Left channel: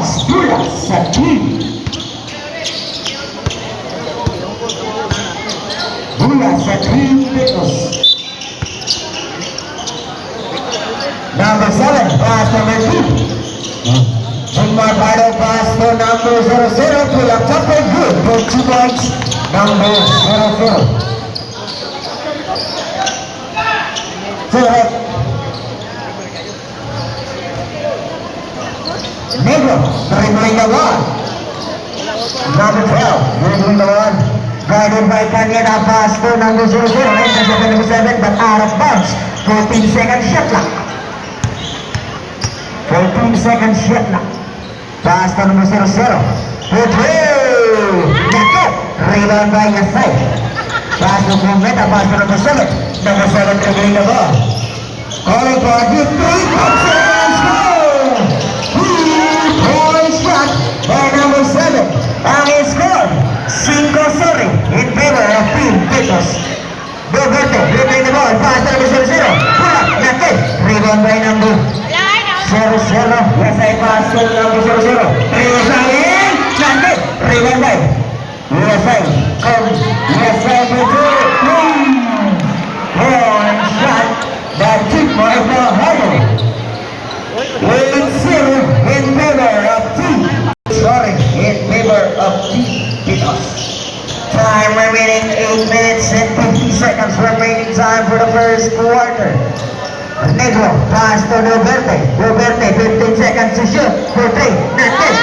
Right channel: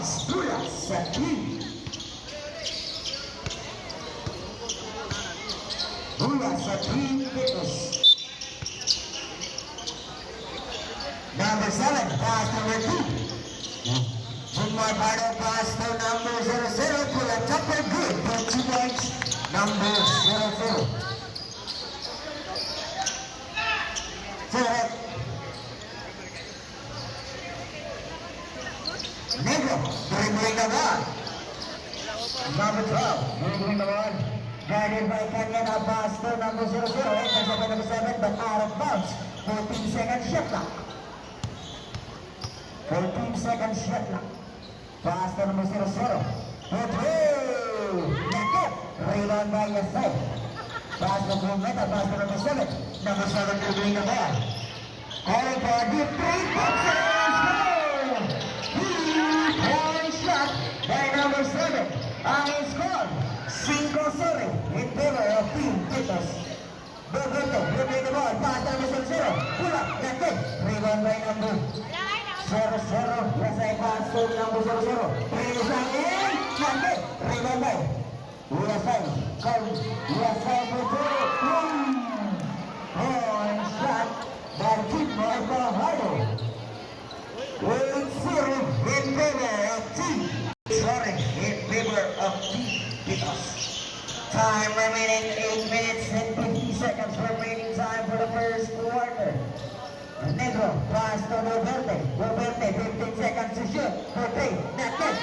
points. Dula sa team. Dula sa team Pitos. Number 7, pass number 2. Bumabado pass to number 00. Pull up top and good for 2 points. Number 00. Correct. Negro, dribbling the ball. Number 12, dribbling the ball. Guarded by Caneda, pass to number 00. Intercepted number 7, but out of bounds. 14-second shot clock. 14-second shot clock. Pass to number 00. Good through. Nako. Rebound by Yasai. Pass to Kumeta, pass to number 7. Number 7 dribbling the ball. Calling for a deep 3-point score. 3-point shot by number 7. Ang score, 5-0 in favor of Team Pitos. Roberto dribbling the ball. Pass to number 00. Pull up. Nako. Rebound by number 00. Yasai pass to number 00. Rebound. Nako. Rebound by Yasai. Yasai for 2. One shot. That took for the Harley. 8-0 in favor of Team. Sorry, in favor of Team Pitos. Time remaining 8 minutes and 50 seconds remaining time for the first quarter. Negro, pass to Roberte. Roberte, 15 seconds to shoot. For 3, not this.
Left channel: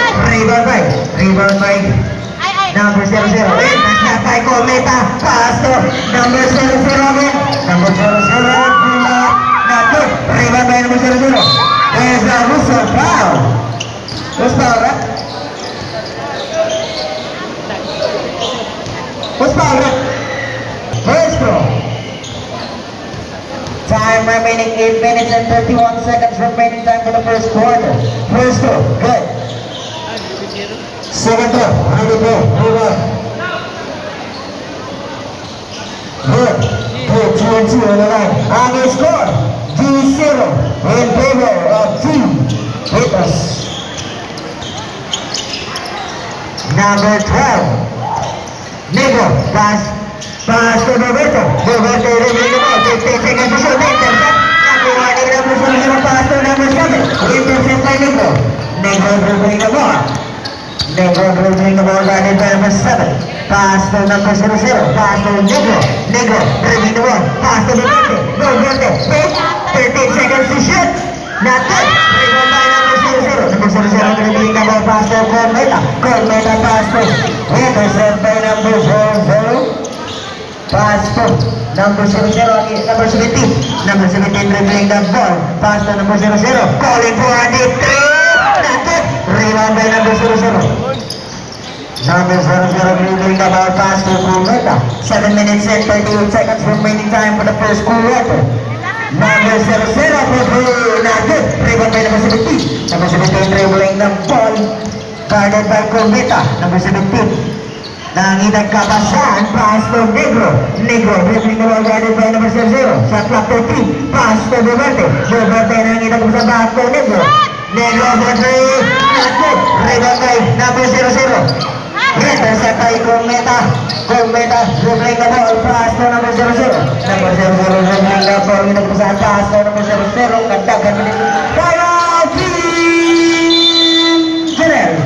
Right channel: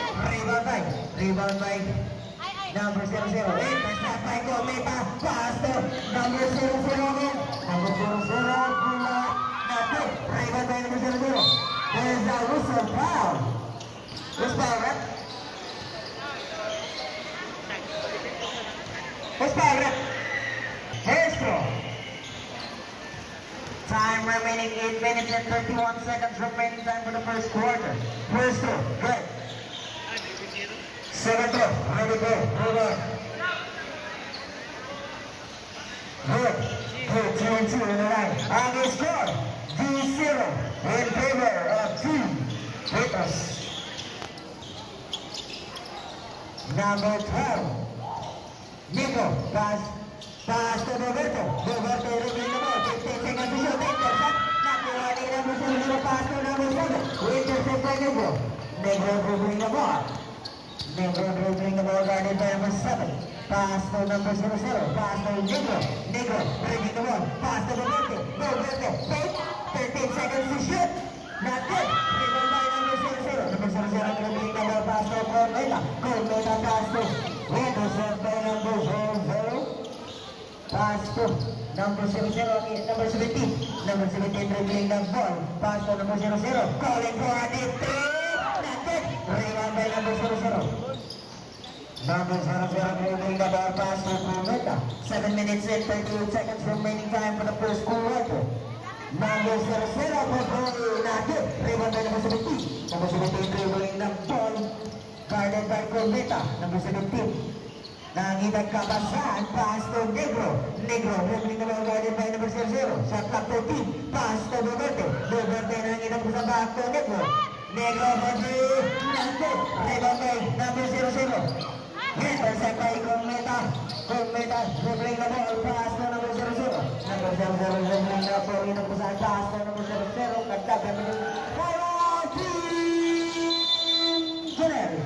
Rebound by number 00. And pass by Cometa. Pass to number 00 again. Number 00. Rebound by number 00. There's a whistle foul. Who's foul, right? Who's foul, right? First throw. Time remaining 8 minutes and 31 seconds remaining time for the first quarter. First throw, good. Second throw, ready to go. Good. Good, 2-2 on the line. On the score, 2-0 in favor of Team Pitos. Number 12, Negro, pass to Roberto. Roberto dribbling the ball. 15 seconds to shoot. Intercept. Nakuha ni number 00. Pass to number 7. Intercept by Negro. Negro dribbling the ball. Negro dribbling the ball. Guarded by number 7. Pass to number 00. Pass to Negro. Negro dribbling the ball. Pass to Roberto. Roberto. 13 seconds to shoot. Not good. Rebound by number 00. Number 00 dribbling the ball. Pass to Cometa. Cometa pass to intercept by number 00. Pass to number 00 again. Number 17. Number 17 dribbling the ball. Pass to number 00. Calling for a deep 3. Not good. Rebound by number 00. Number 00 dribbling the ball. Pass to Cometa. 7 minutes and 38 seconds remaining time for the first quarter. Number 00 for not good. Rebound by number 17. Number 17 dribbling the ball. Guarded by Cometa. Number 17. Nanginag kabasan. Pass to Negro. Negro dribbling the ball. Guarded by number 00. Shot clock 13. Pass to Roberte. Roberte nanginag sa back to Negro. Negro for 3. Not good. Rebound by number 00. Intercept by Cometa. Cometa dribbling the ball. Pass to number 00. Number 00 dribbling the ball. Hinag sa pass to number 00. Kagdagan mo nito. Para Team Janel.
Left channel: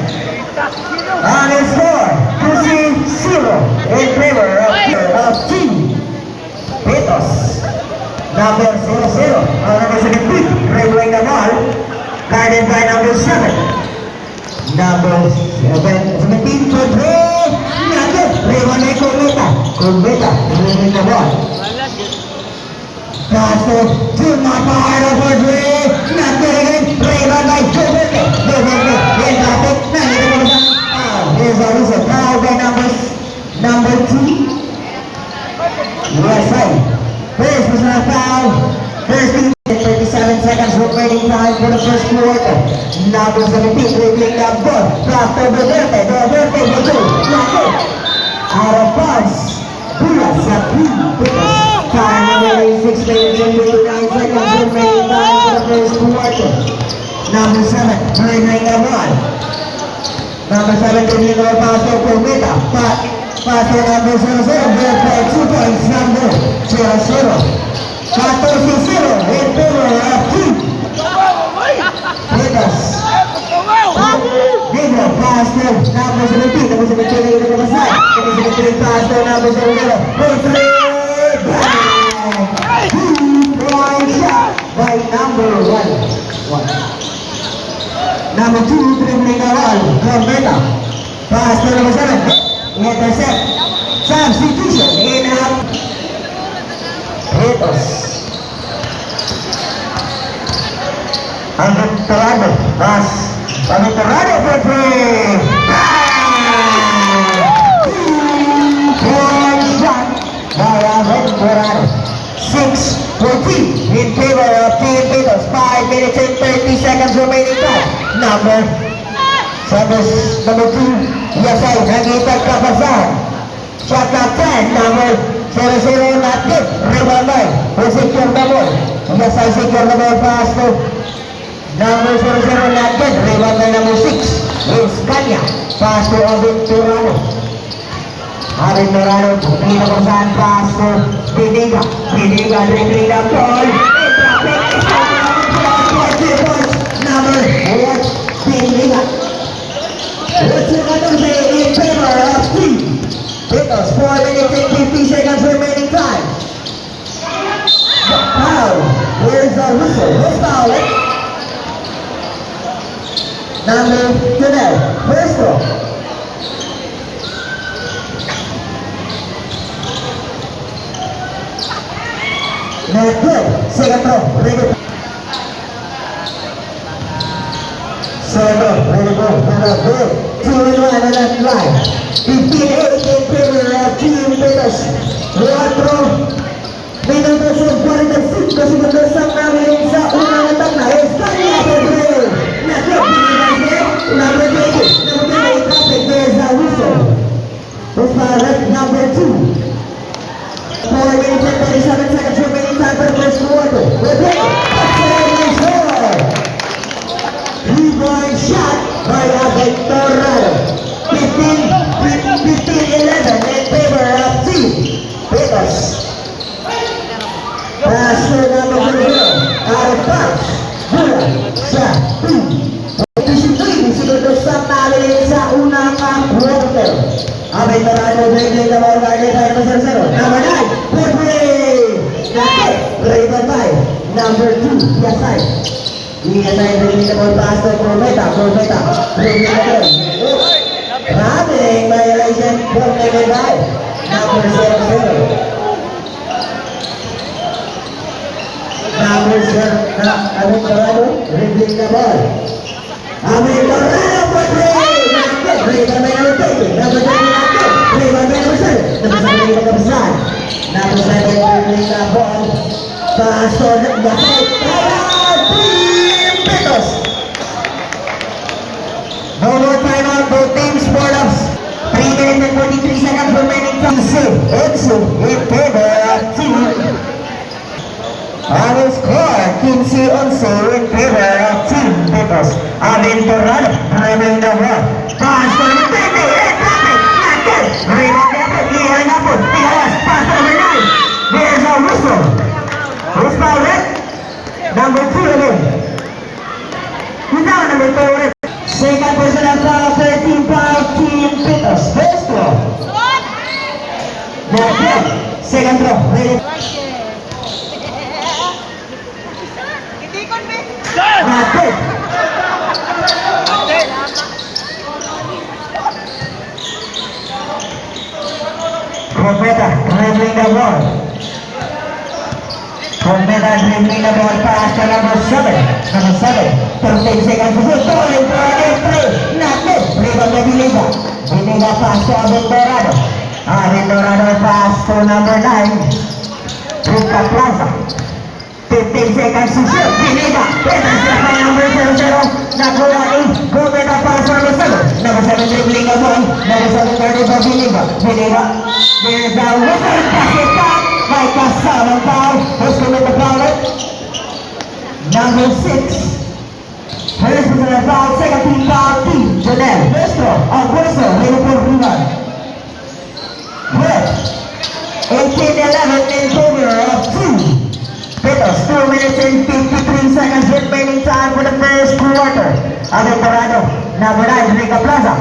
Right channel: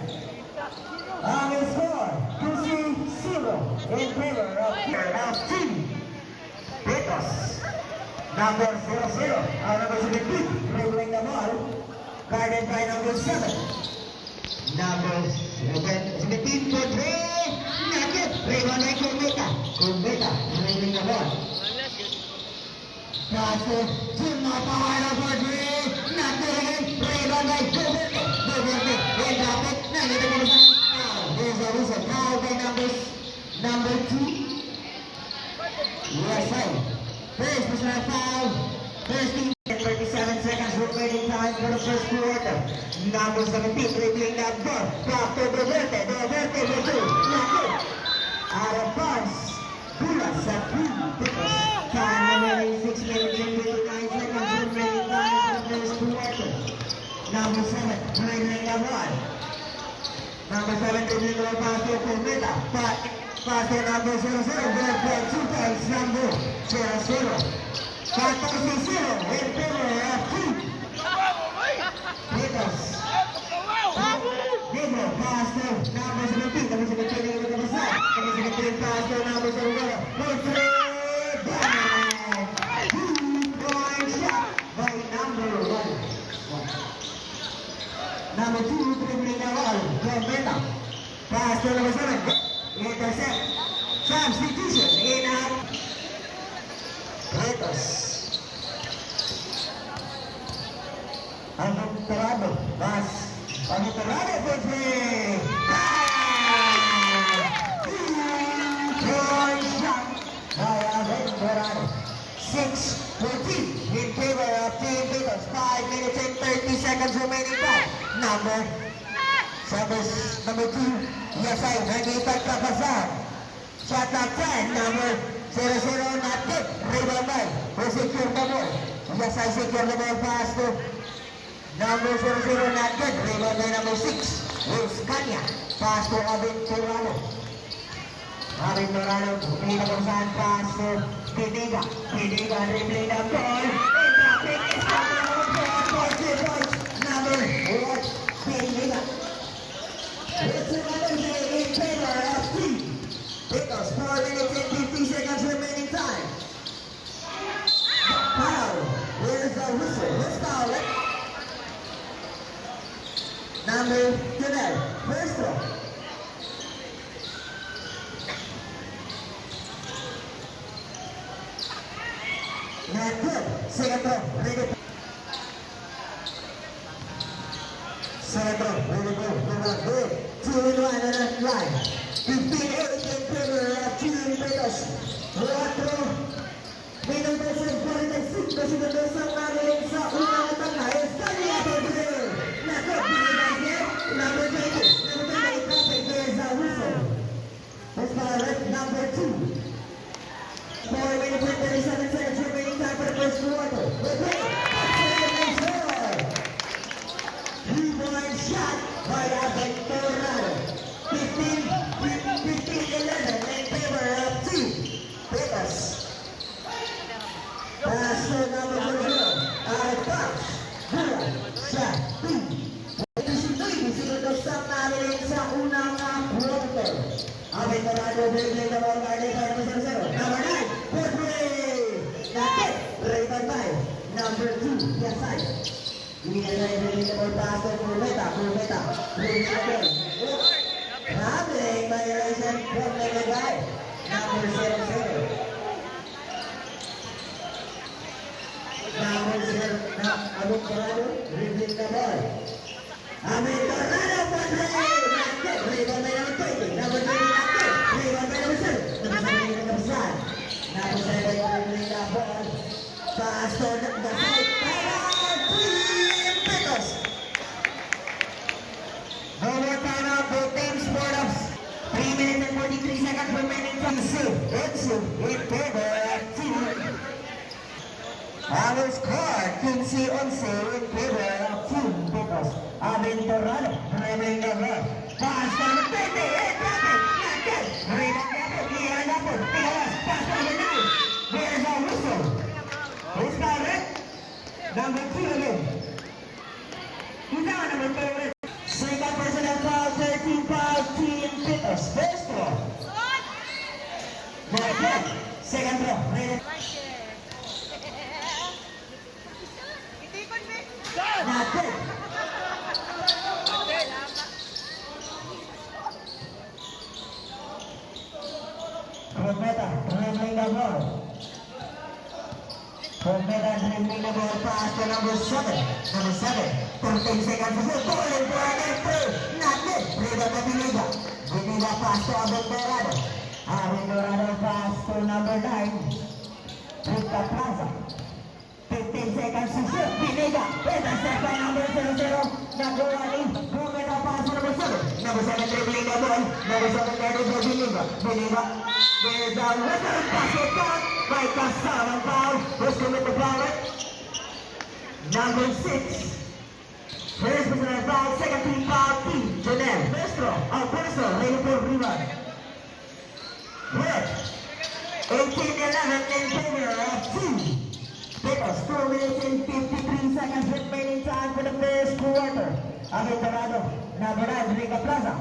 On his score, 2-0 in favor of Team Pitos. Number 00. Number 17 dribbling the ball. Guarded by number 7. Number 17 for 3. Rebound by Cometa. Cometa dribbling the ball. Pass to Maparo for 3. Not good again. Rebound by Cometa. Cometa in traffic. Nandito mo sa here's a whistle foul by number 2. Yes, side. First personal foul. First 37 seconds remaining time for the first quarter. Number 17 dribbling the ball. Pass to Roberte. Roberte for 2. Out of pass. Dula sa Team Pitos. Time remaining 6 minutes and 59 seconds remaining time for the first quarter. Number 7 dribbling the ball. Number 7, dribbling over pass to Cometa. Pass to number 00, good play, 2 points, number 0-0. 14-0 in favor of Team Vegas. Negro, pass to number 17. Number 17 na ito na side. Number 17, pass to number 00. Good play, bang! 2-point shot by number 1. Number 2, dribbling the wall, Cometa. Pass to number 7. Intercept. Substitution in up. Hitos. Aventurado. Pass. Aventurado for three. One shot by Aventurado. 6-14 in favor of Team Hitos. 5 minutes and 30 seconds remaining time. Number 2, Yasay, nag-ipag kapasan. Shot clock 10, number 00, not good. Rebound by, who secure the ball. Yasay secure the ball, pass to number 00, not good. Rebound by number 6, is Kanya. Pass to Aventurado. Aventurado, pinita kung saan, pass to Piniga. Piniga, dribbling the ball. Number 8, Piniga. What's it going to say in favor of Team Hitos? 4 minutes and 50 seconds remaining time. Foul. Where's the whistle? Who's fouling? Number 12. First throw. Not good. Second throw. Ready. Second, ready go. Good. 2-1 on that line. 15-8 in favor of Team Hitos. 1 throw. Minutos of 45 segundos ang namin sa unang atak na Espanya Pedro. Nakip, binibase. Number 20. Number 20, traffic. There's a whistle. Who's fouled? Number 2. 4 minutes and 37 seconds remaining time for the first quarter. Repeat. Touchdown score. 3-point shot by Aventurado. 15-11 in favor of Team Hitos. Pass to number 0. Out of bounds. Mula sa 2. 23 segundos sa namin sa unang quarter. Aventurado dribbling the ball by number 0. Number 9. Pedri. Nakit. Rebound by number 2. Yasay. Yasay dribbling the ball pass to Cometa. Cometa. Dribbling the ball. Running violation from number 5. Number 0. Number 0. Aventurado dribbling the ball. Aventurado for 3. Nakit. Rebound by number 20. Number 20. Rebound by number 7. Number 7 yung nagkapasan. Number 7 dribbling the ball. Pass to Yasay. Team Hitos. No more timeout. Both teams scored up. 3 minutes and 43 seconds remaining time. Exo in favor of Team. On the score, 15-11 in favor of Team Hitos. Aventurado dribbling the ball. Pass to number 20. Nakit. Rebound effort. Iyan na po. Tigawas. Pass to number 9. There's a whistle. Who's fouled it? Number 2 again. Who's down number 2 ulit? Second personal foul, 13 foul, Team Hitos. First throw. Nakit. Second throw. Ready? Nakit. Cometa dribbling the ball. Cometa dribbling the ball pass to number 7. Number 7. 13 seconds to shoot. Falling for an play. Nakit. Rebound by Biniga. Biniga pass to Aventurado. Aventurado pass to number 9. Ruka Plaza. 15 seconds to shoot. Biniga. Intercept by number 00. Nakuha ni Cometa pass to number 7. Number 7 dribbling the ball. Number 7 turning for Biniga. Biniga. There's a whistle. Pass it back. By Casal foul. Who's coming to foul it? Number 6. First personal foul. Second team foul. Team Janelle. First throw. 11 in favor of 2. Pitos, 2 minutes and 53 seconds remaining time for the first quarter. Aventurado, number 9, Rica Plaza.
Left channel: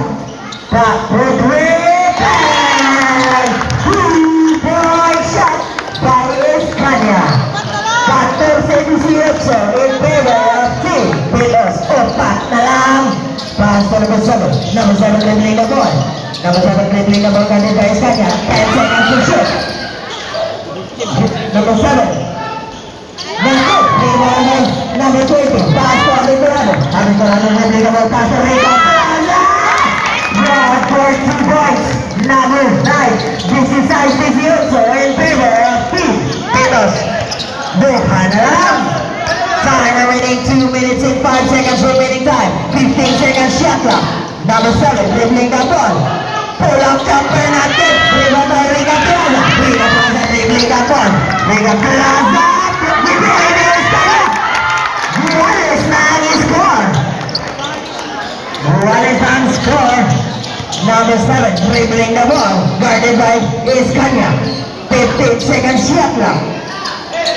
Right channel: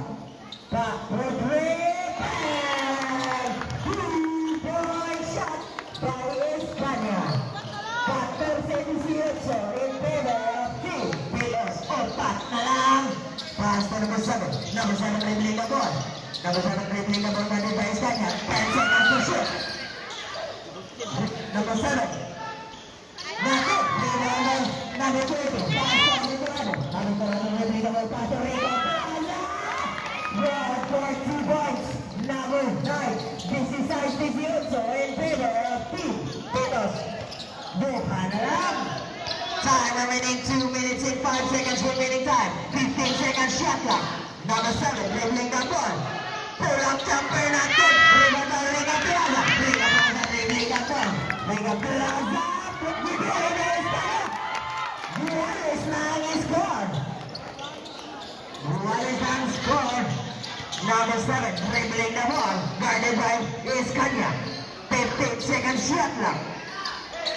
Broadway, bang! 2-point shot by Escania. 14-18 in favor of 2. Pitos, 4 na lang. Pass to number 7. Number 7 dribbling the ball. Number 7 dribbling the ball guarded by Escania. 10 seconds to shoot. Number 7. Number 20, pass to Aventurado. Aventurado dribbling the ball, pass to Rica Plaza. Broad for 2 points. Number 9, this is size 18 in favor of 2. Pitos, buka na lang. Time remaining 2 minutes and 5 seconds remaining time. 15 seconds shot clock. Number 7, dribbling the ball. Pull up jumper natin. Riba by Rica Plaza. Rica Plaza dribbling the ball. Rica Plaza. Wallace man is score. Wallace on score. Number 7 dribbling the ball. Guarded by Escania. 15 seconds shot clock.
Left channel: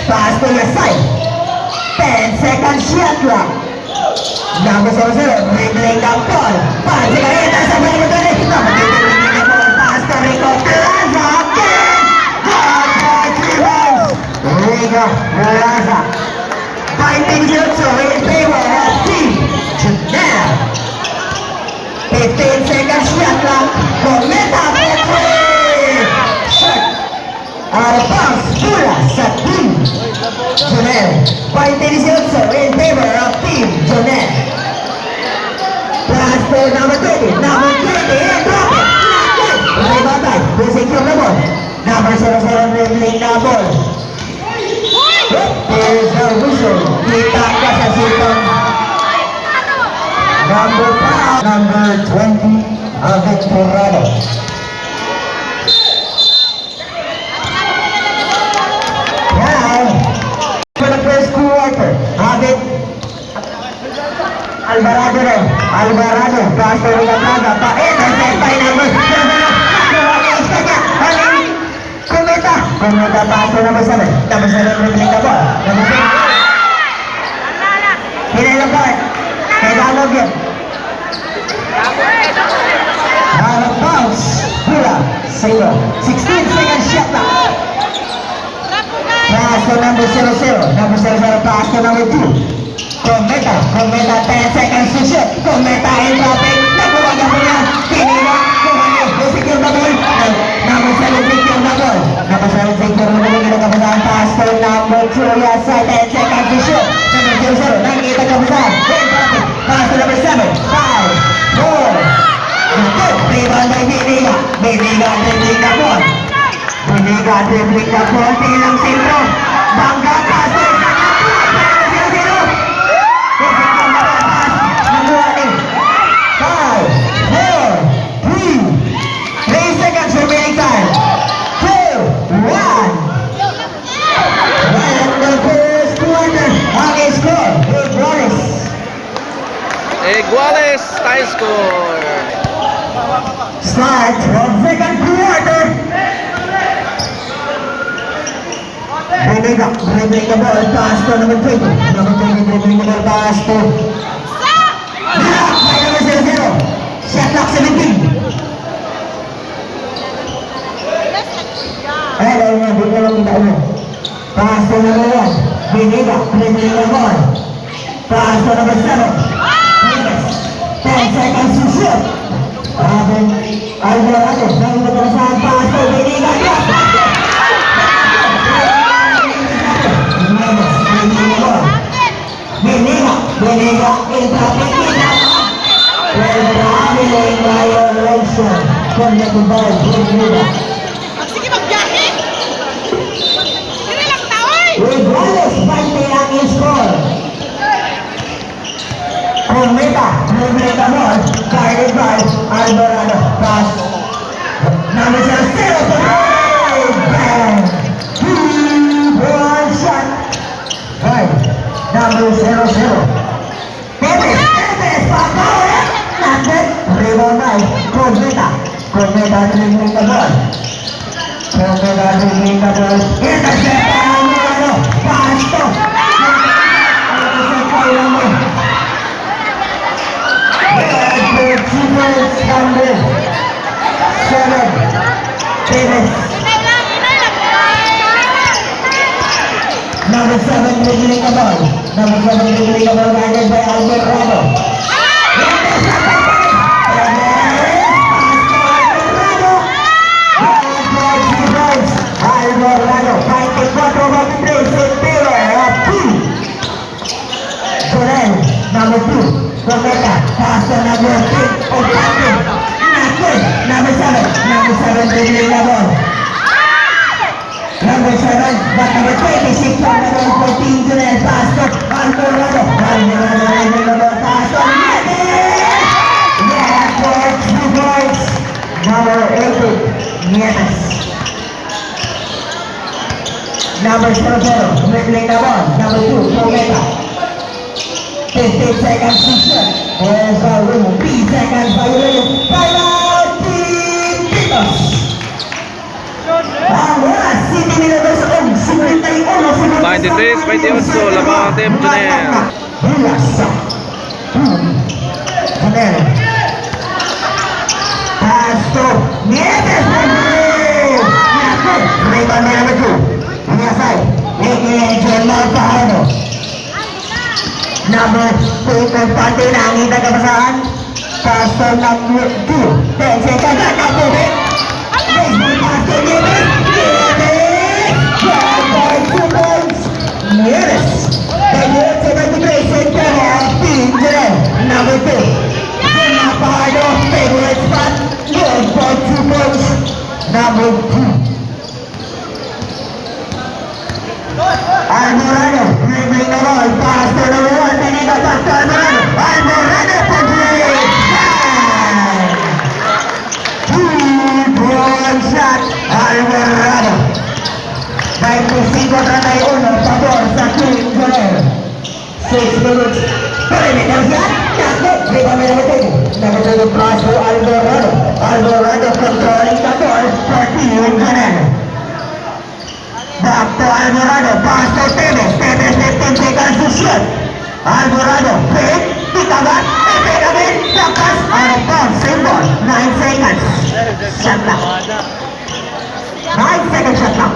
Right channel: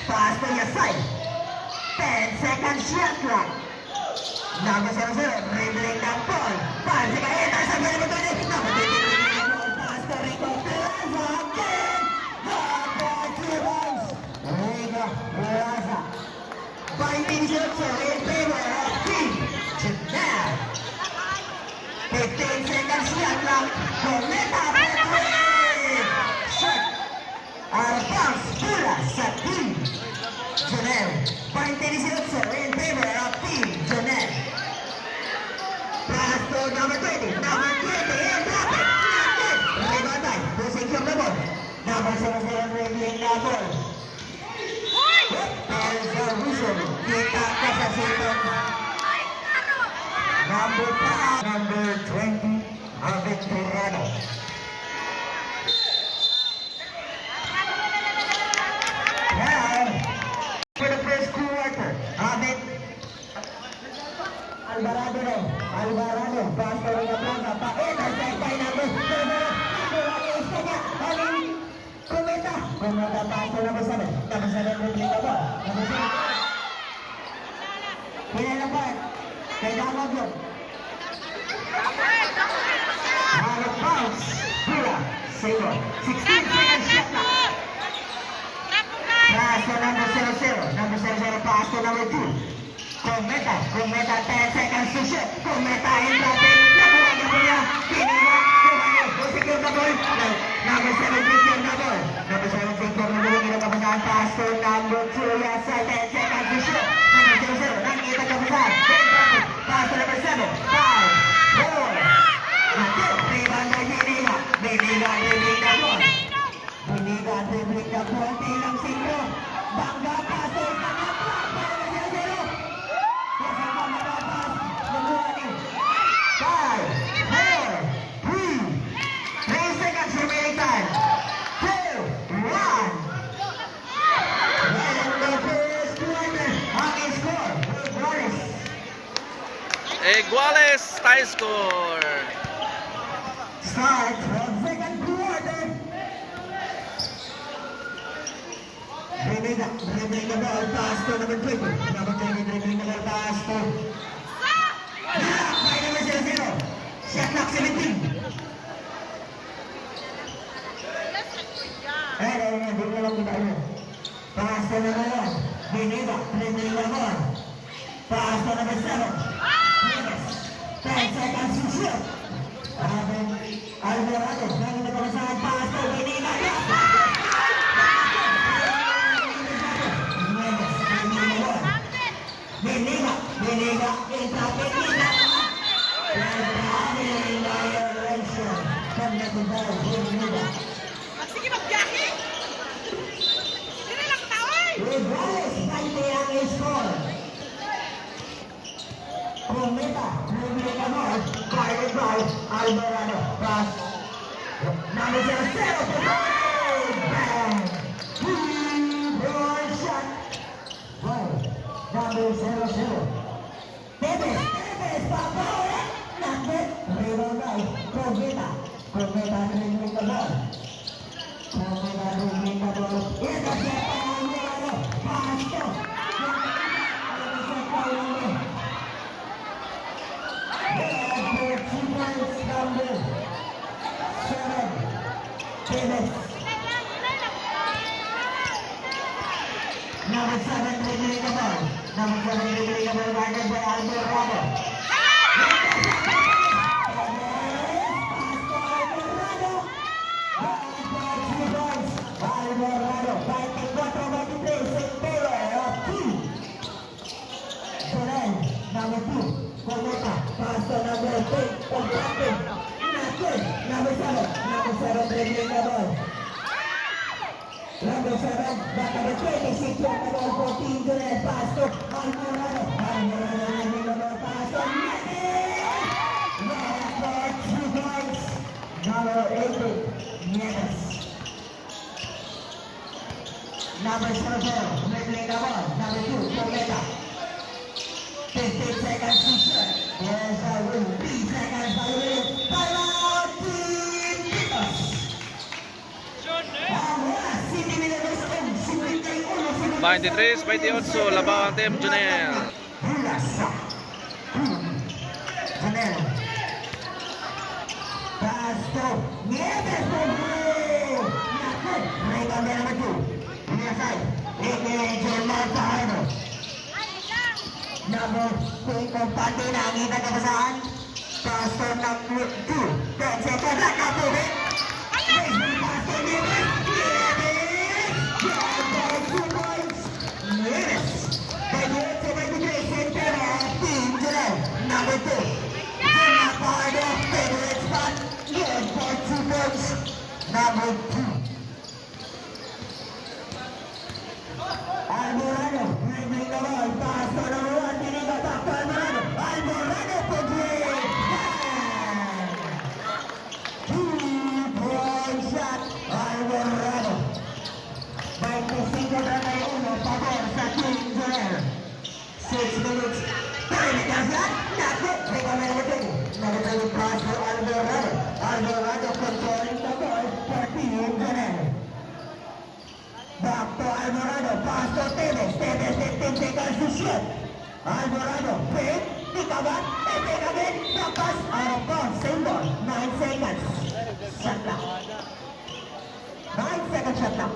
Pass to your side. 10 seconds shot clock. Number 7 dribbling the ball. Pass to your head. Sa ball mo doon. Number 8 dribbling the ball. Pass to Rica Plaza. God for 3 balls. Rica Plaza. 5 minutes in favor of team. Now. 15 seconds shot clock. Cometa for 3. Shot. Out of bounds. Pula sa team. Jonel. 5 minutes in favor of team. Jonel. Pass to number 20. Number 20 and drop it. Rebatay. Losing from the ball. Number 7 dribbling the ball. There's the whistle. Kita ka sa sitong. Number 20, Aventurado. Now, for the first quarter, Alvarado, pass to Rica Plaza, pa-intercept by number 7. Cometa pass to number 7. Number 7 dribbling the ball. Number 7. Pinelapart. Kedalog yun. Out of bounds. Pula. 0. 16 seconds shot clock. Pass to number 00. Number 00 pass to number 2. Cometa 10 seconds to shoot. Cometa in traffic. Nakuha niya po yan. Pinila. Secure the ball. Number 7 secure the ball. Number 7 secure the ball. Kinakabasahan pass to number 2. Yes, 10 seconds to shoot. Number 00. Nakikita kabasahan. In traffic. Pass to number 7. 5, 4, 2. Rebound by Biniga. Biniga dribbling the ball. Biniga dribbling the ball. Tilang sentro. Bangga pass to Iguales tie score. Start from second quarter. Biniga dribbling the ball, pass to number 20. Number 20 dribbling the ball, pass to block by number 00. Shot clock 17. Hello, hindi lang kita ulo. Pass to number 1. Biniga dribbling the ball. Pass to number 7. 10 seconds to shoot. Alvarado, nang nagkasahan pass to Biniga. Biniga, in traffic. Traveling violation from the Dubai Biniga. Sige, magbiyahe! Hindi lang tawag! Iguales, 20 ang score. Cometa, dribbling the ball, guarded by Alvarado. Pass. Number 0 to bang! 2-1 shot. Right. Number 00. Tevez, Pagkain! Landed. Rebound by Cometa. Cometa dribbling the ball. Number 7, dribbling the ball. Number 7, dribbling the ball, guided by Alvarado. Alvarado, 24-23, September of 2. Sorel, number 2, Prometa, pass to number 3, Ocampo. Number 7, dribbling the ball. Number 7, but number 26, number 14, Sorel, pass to Alvarado. Alvarado, dribbling the ball, pass to Nieves. Yeah, that's 2 points. Number 8, Nieves. Number 0, dribbling the ball. Number 2, Prometa. 15 seconds to shoot. There's a room. 3 seconds by William. Timeout, Team Titos. Ang oras, City Milados ang 23-28, laban ang Team Junel. Junel. Pass to Nieves. Rebound by number 2. Niasay. John Malpahano. Number 2, Compante, nakita ka ba saan? Pass to number 2. 10 seconds, nakapubit. Baseball pass to Nieves. Nieves! 2 points. Nieves. 28-73, September of Team Junel. Number 2. John Malpahano, favorite spot. Good for 2 points. Number 2. Alvarado, dribbling the ball, pass to number 1, Benito, pass to Alvarado. Alvarado for 3. 2-point shot, Alvarado. 25-31, pabor sa Team Junel. 6 minutes, perimeter shot, nakit, rebound by number 2. Number 2, pass to Alvarado. Alvarado controlling the ball for Team Junel. Back to Alvarado, pass to Tevez. Tevez, 15 seconds to shoot. Alvarado, fake, tikagat, again, takas, out of bounds, same ball, 9 seconds. Shot clock. 9 seconds shot clock.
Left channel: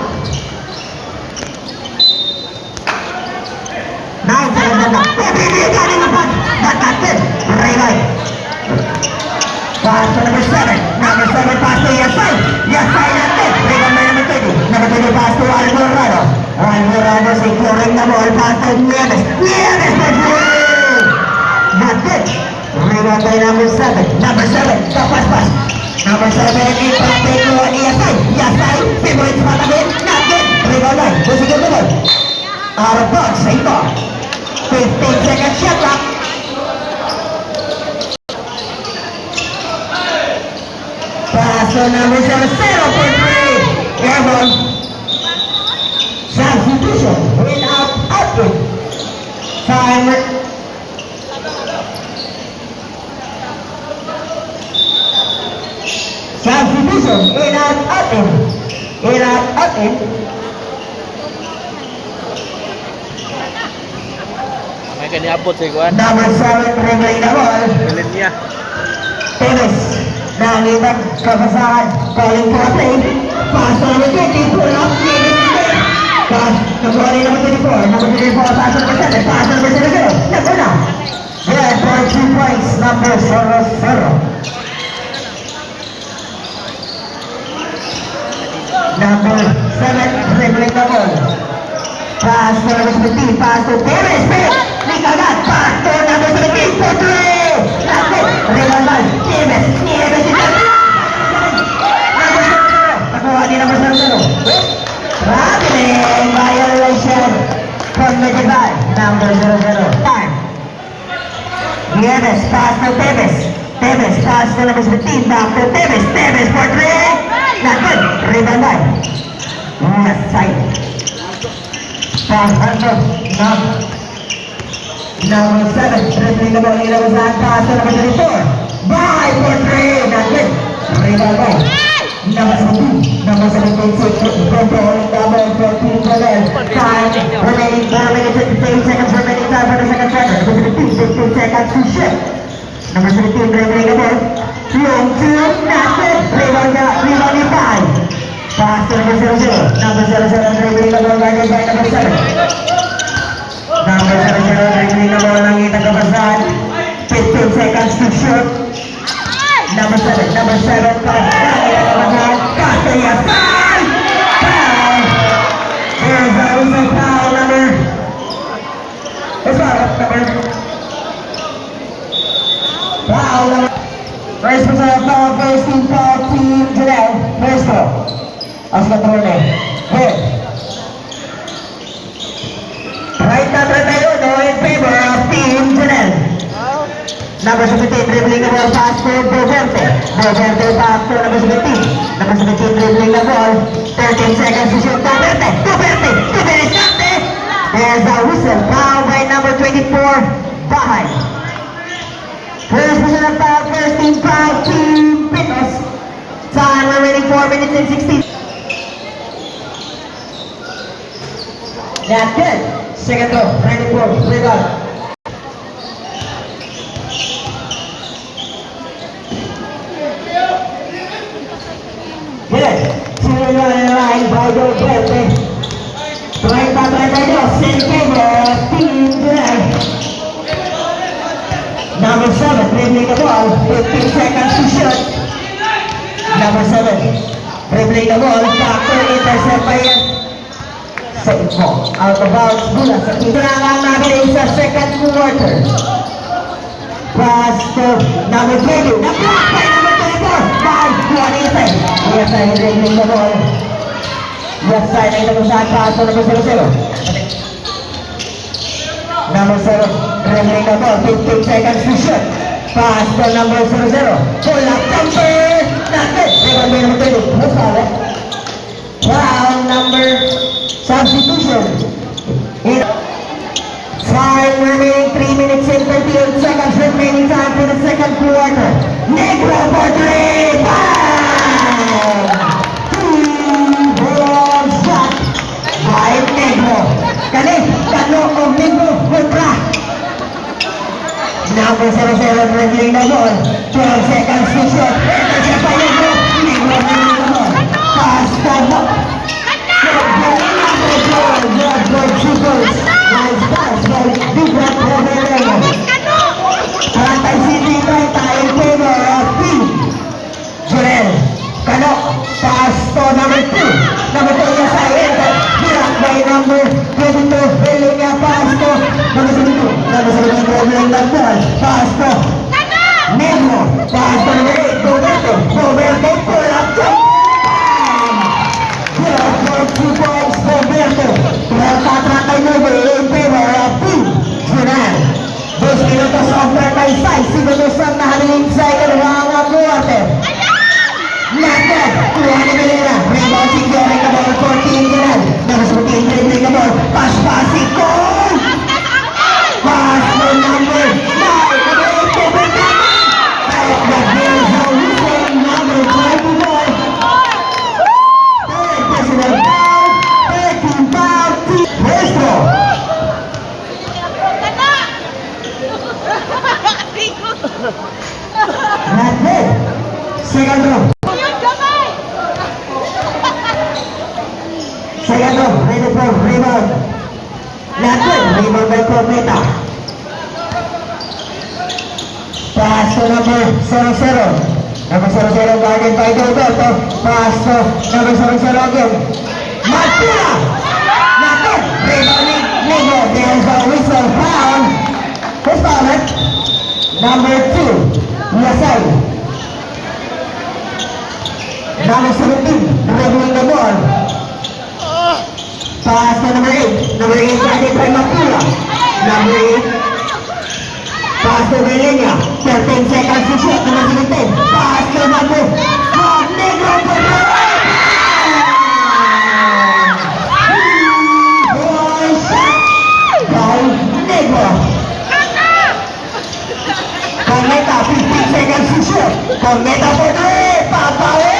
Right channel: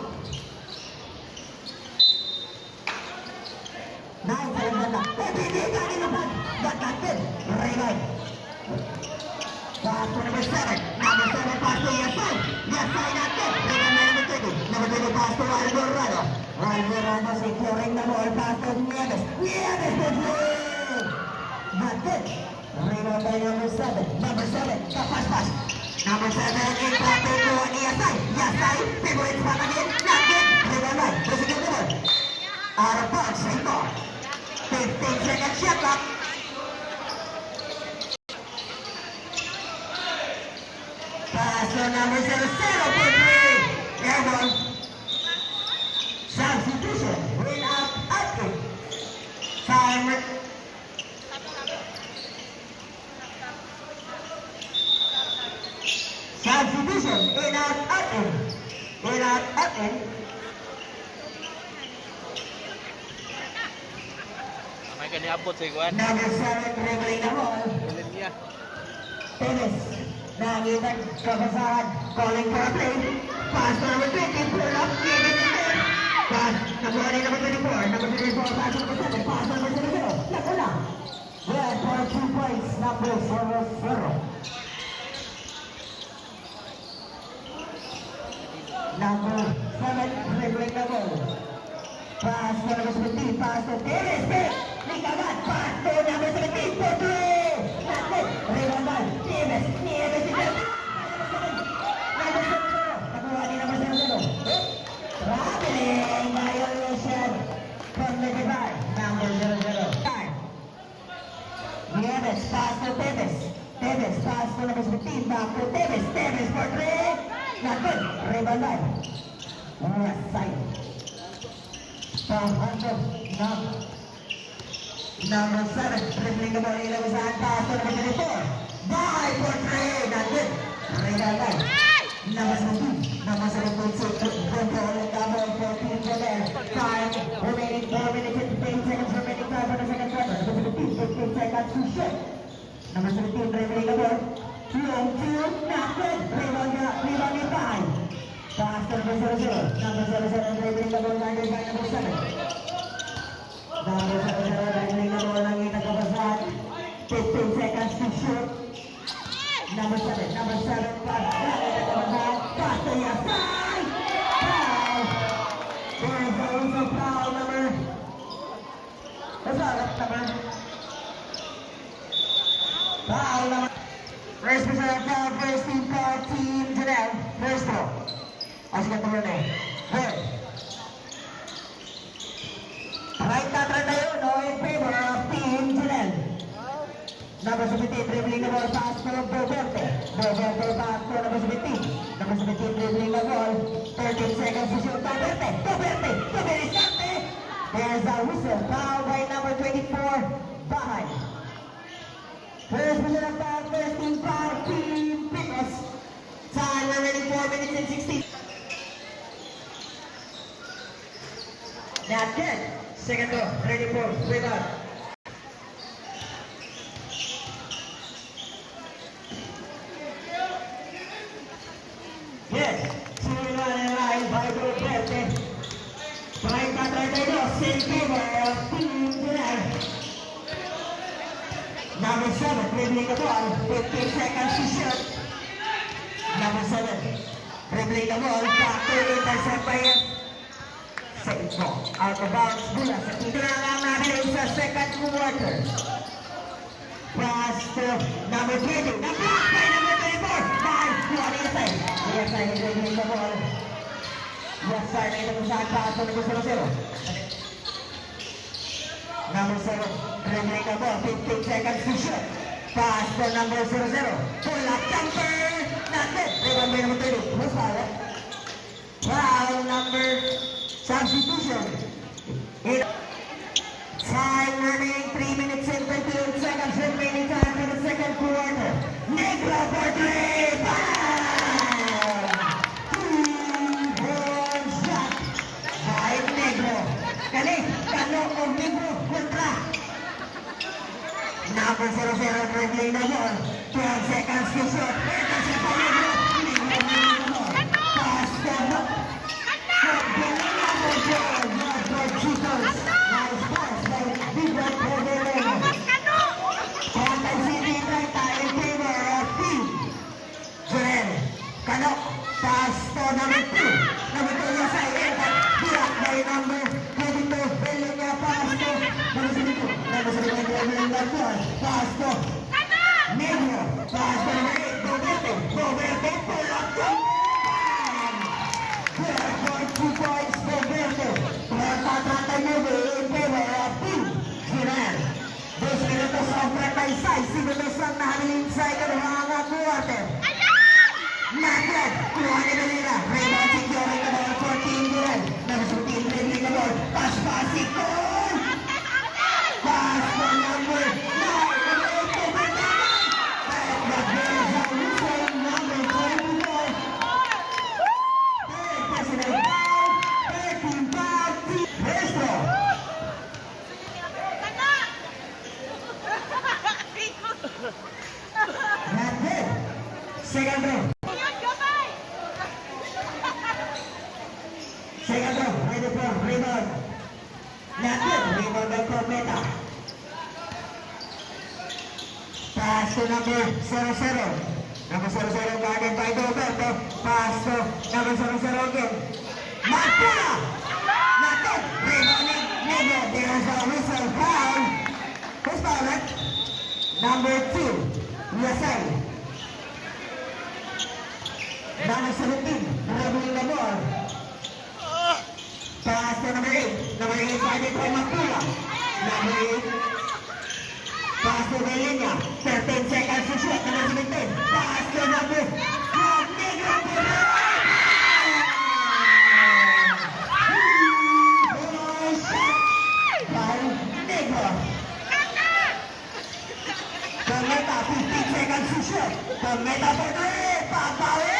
9 seconds shot clock. Pipiligan ng upad, batatin, Raymay. Pass to number 7. Number 7, pass to Yasay. Yasay natin, rebound by number 20. Number 20, pass to Alvarado. Alvarado securing the ball, pass to Nieves. Nieves for 3. That's it. Rebound by number 7. Number 7, tapas pass. Number 7, impacted to Yasay. Yasay, favorite spot again. Not it. Rebound by, positive the ball. Out of bounds, same ball. 15 seconds shot clock. Pass to number 7, 0 for 3. Airborne. Substitution. Win out, output. Timer. Substitution. In out, output. In out, output. May kaniabot si Juan. Number 7, dribbling the ball. Galit niya. Tennis. Nangitag kapasahan. Calling for a play. Pass to number 20. Pull up. Pass. Nakuha rin number 24. Number 24. Pass to number 7. Pass to number 0. Nakuha. Yeah, for 2 points. Number 0. Number 7. Dribbling the ball. Pass to number 17. Pass to Perez. Nikagat. Pass to number 17. For 3. Nakit. Rebound by Nieves. Nieves is up. Number 0. Nakuha din number 0. Traveling violation. Committed by number 00. Time. Nieves. Pass to Tevez. Tevez. Pass to number 17. Back to Tevez. Tevez for 3. Nakit. Rebound by left side. Pass under. Number 7, dribbling the ball, ilabas pass to number 24. By for 3, not good. Rebound by number 17, number 17, seconds to shoot. Number 17, dribbling the ball. Long two, not good. Rebound is five. Pass to number 00. Number 00, dribbling the ball, guarded by number 7. Number 00, dribbling the ball, nakita ka basahan. 15 seconds to shoot. Number 7, pass. Nakita ka basahan. Pass to Yasan. Foul. There's a whistle foul number. What's that? Foul number. First personal foul, first team foul, team Janelle. First foul. Ascatrone. Good. Right na tayo, no, in favor of team Janelle. Number 17, dribbling the ball, pass to Boverte. Boverte pass to number 17. Number 17, dribbling the ball. 13 seconds to shoot. Boverte shot. There's a whistle, foul by number 24, Bahay. First personal foul, first team foul, team Pinos. Time remaining 4 minutes and 16. That's good. Second row, 94, rebound. Good. Two-line line by Boverte. 30-32, in favor of team Janelle. Number 7, dribbling the ball, 15 seconds to shoot. Number 7, dribbling the ball, back to intercept by Saito. Out of bounds, mula sa tinangan natin sa second quarter. Pass to number 20, na-block by number 24, by Juanita. Yes, I'm dribbling the ball. Left side ay nagusahan, pass to number 00. Number 0, dribbling the ball, 15 seconds to shoot. Pass to number 00. Pull up jumper, not good. Rebound by number 20. What's foul? Foul number substitution. Time remaining 3 minutes and 38 seconds remaining time for the second quarter. Negro for 3. Bam! Two-ball shot by Negro. Kano of Negro kontra. Number 00 dribbling the ball. 12 seconds to shoot. Ito siya pa Negro. Negro dribbling the ball. Pass to Good shooters. Nice pass by Bigrat Roberto. Trantay City in favor of team Janelle. Kano, pass to number 2. Number 2 yung side. Block by number 22. Billing niya pass to number 72. Number 72 dribbling the ball. Pass to Negro. Pass to number 8. Roberto pull up jump. Good for 2 points Roberto. Tatratay mo in favor of team Janelle. 2 minutos of tatay size. Sinutos ang nahaliling sa ikalawang quarter. Not good. Kuha ni Melena. Rebound si Gary Cabal for team Janelle. Number 14, dribbling the ball. Pass-passing goal! Pass to number 9. Number 8, Roberto. At the Bears are losing number 24. Third personal foul. 13 foul. Maestro. Not good. Second row. Second row. Ready for rebound. Not good. Rebound by Prometa. Pass to number 00. Number 00 guarded by Gilberto. Pass to number 00 again. Matula. Not good. Rebounding. Negro. There's a whistle foul. Who's fouled? Number 2. Yasay. Number 17. Dribbling the ball. Pass to number 8. Number 8 guarded by Matula. Number 8. Pass to Belenia. 13 seconds to shoot. Number 17. Pass to number 12. Negro for the boy shot by Negro. Cometa, 15 seconds to shoot. Cometa for the Papawe.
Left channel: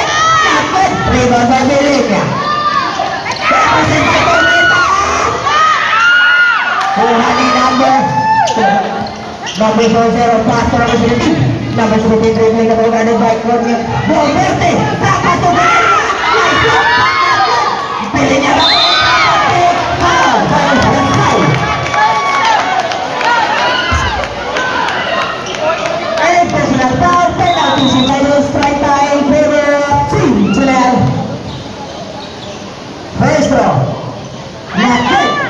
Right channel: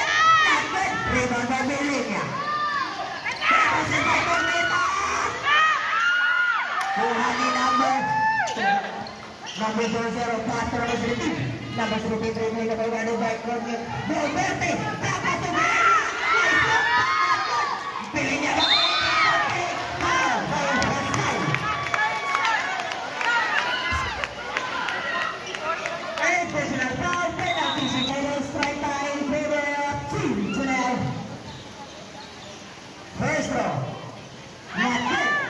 Naked. Rebound by Belenia. Represent by Cometa. Kuha ni number Number 0, pass to number 17. Number 17, dribbling the ball guarded by Cornel. Valverde, tapas to Valeria. Nice shot. Pili niya ba? Foul. Foul. And personal foul, penalty, single strike time in favor of Team Janelle. First throw. Not good.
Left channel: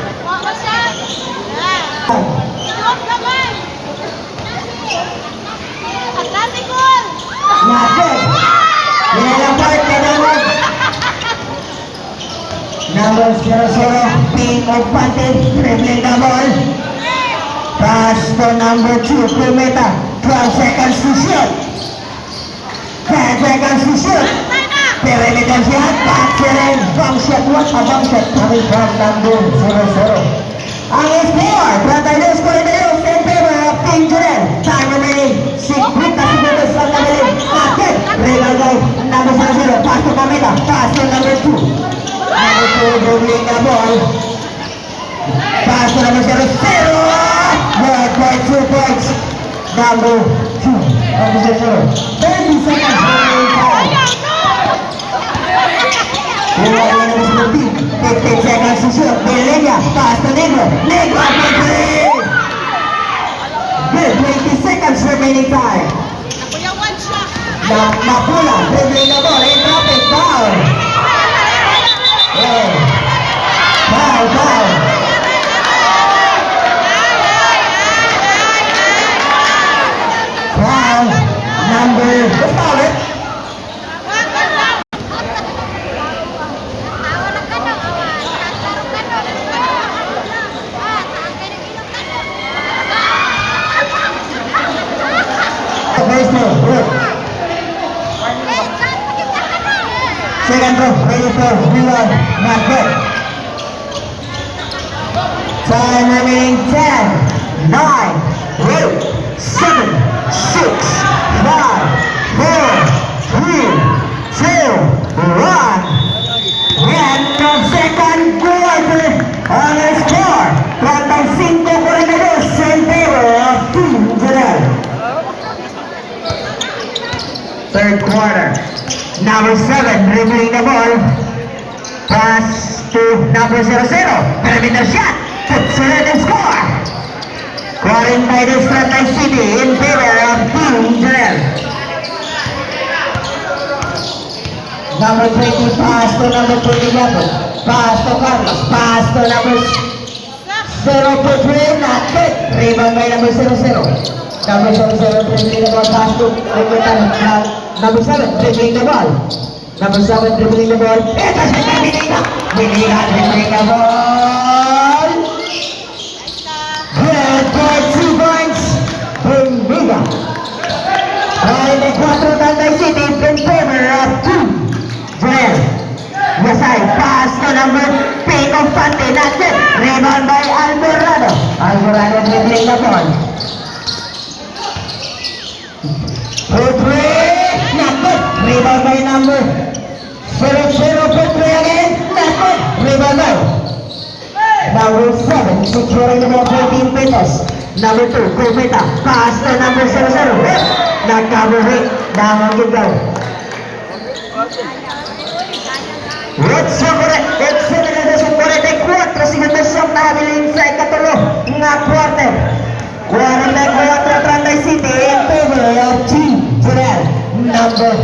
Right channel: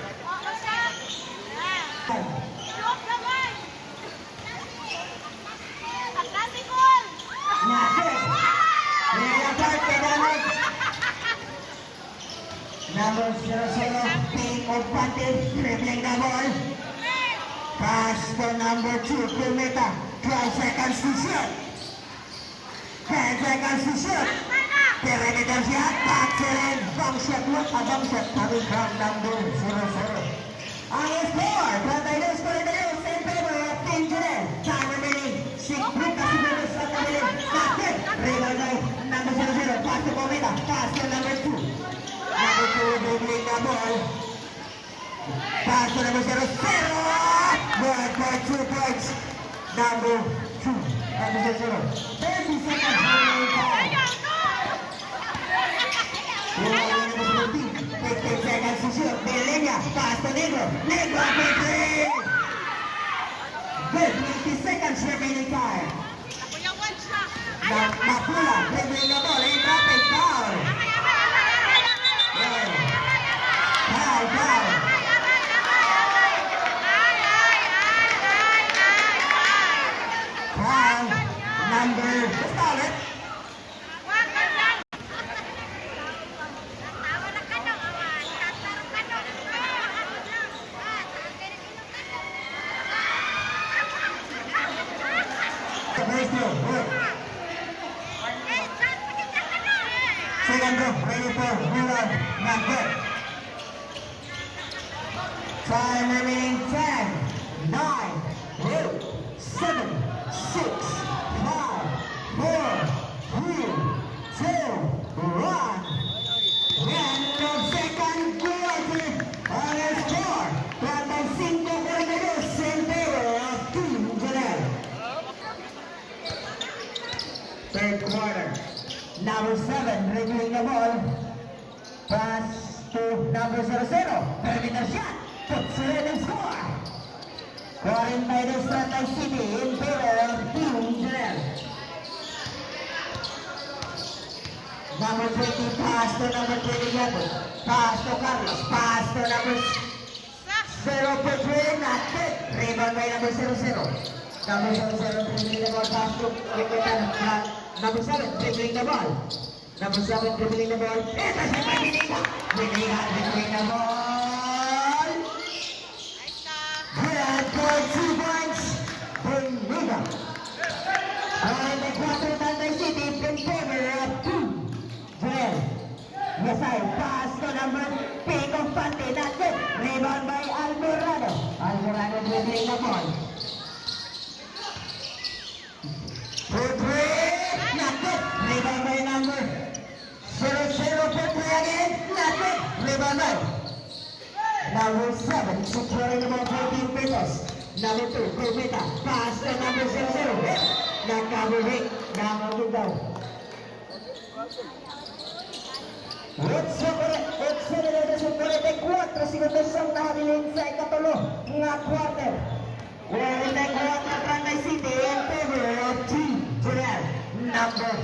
Not good. Nilalapart ka naman. Number 00, Ping Opante, dribbling the ball. Pass to number 2, Kumeta. 12 seconds to shoot. 10 seconds to shoot. Perimeter shot, that's it in. Bomb shot, what a bomb shot coming from number 00. Ang score, Brother score in the Hills in favor of Team Janelle. Time remaining, 6 seconds on the minute. Akit, Rinaldo, number 00, pass to Kumeta. Pass to number 2. Number 2, dribbling the ball. Pass to number 0. Good by 2 points. Number 2, number 0. 30 seconds remaining time. Number 17, 15 seconds to shoot. Belenya, pass to Negro. Negro for 3. Good, 20 seconds remaining time. Mapula, dribbling the ball, and drop it, foul. Yeah. Foul. Foul, number, what's foul it? First throw, good. Second throw, ready for rebound, not good. Time remaining 10, 9, 8, 7, 6, 5, 4, 3, 2, 1. End of second quarter on the score. 35-42 in favor of Team Janelle. Third quarter. Number 7, dribbling the ball. Pass to number 00. Perimeter shot. Puts it in and score. Scoring by the Strata City in favor of Team Janelle. Number 20, pass to number 27. Pass to Carlos. Pass to number 0 to 3. Not good. Rebound by number 00. Number 00, dribbling the ball. Pass to number 7, dribbling the ball. Number 7, dribbling the ball. Ito si Benita. Benita, dribbling the ball. Good for 2 points. Benita. All the 4 Tanday City in favor of 2. Janelle. Yasay, pass to number 8 of Pante. Not it. Rebound by Alvarado. Alvarado dribbling the ball. Rebound by number 00 for 3 again. Not good. Rebound by number 7, securing the ball 14 pesos. Number 2, Kumeta. Pass to number 00. Nag-cover hit. Damang gigaw. Let's sa 44 segundos ang nahabiling sa ikatulo nga quarter. 44 Tranday City in favor of Team Janelle. Number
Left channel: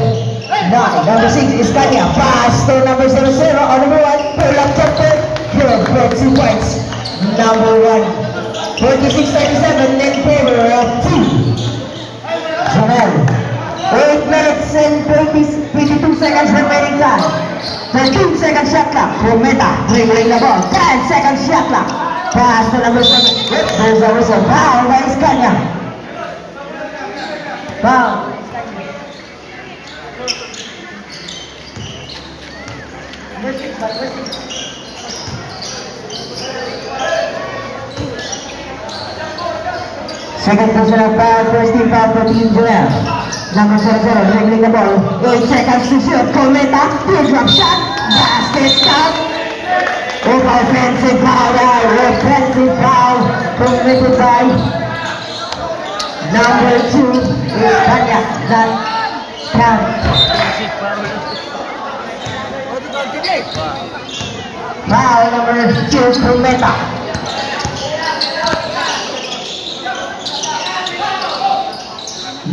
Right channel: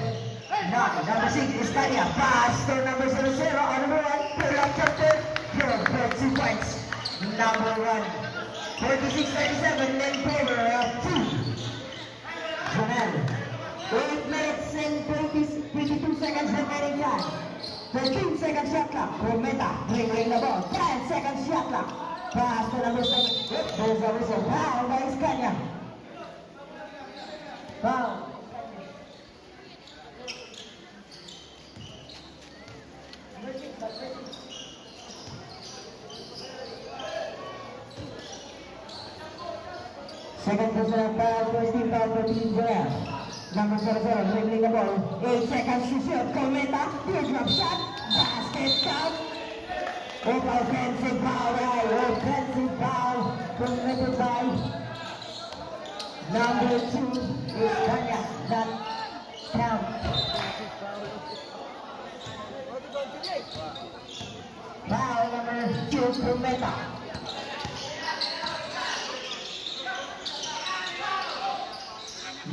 9, number 6 is Kanya. Pass to number 00 on number 1. Pull up chopper. Good for 2 points. Number 1. 46-37 in favor of Team Janelle. 8 minutes and 22 seconds remaining time. 13 second shot clock. Kumeta dribbling the ball. 10 second shot clock. Pass to number 7. There's a whistle. Foul by Iskanya. Foul. Second personal foul, first team foul for Team Janelle. Number 00, dribbling the ball. 8 seconds to shoot. Cometa, teardrop shot. Basket count. Offensive foul, offensive foul committed by Number 2 is Kanya. That count. Foul number 2, Kumeta.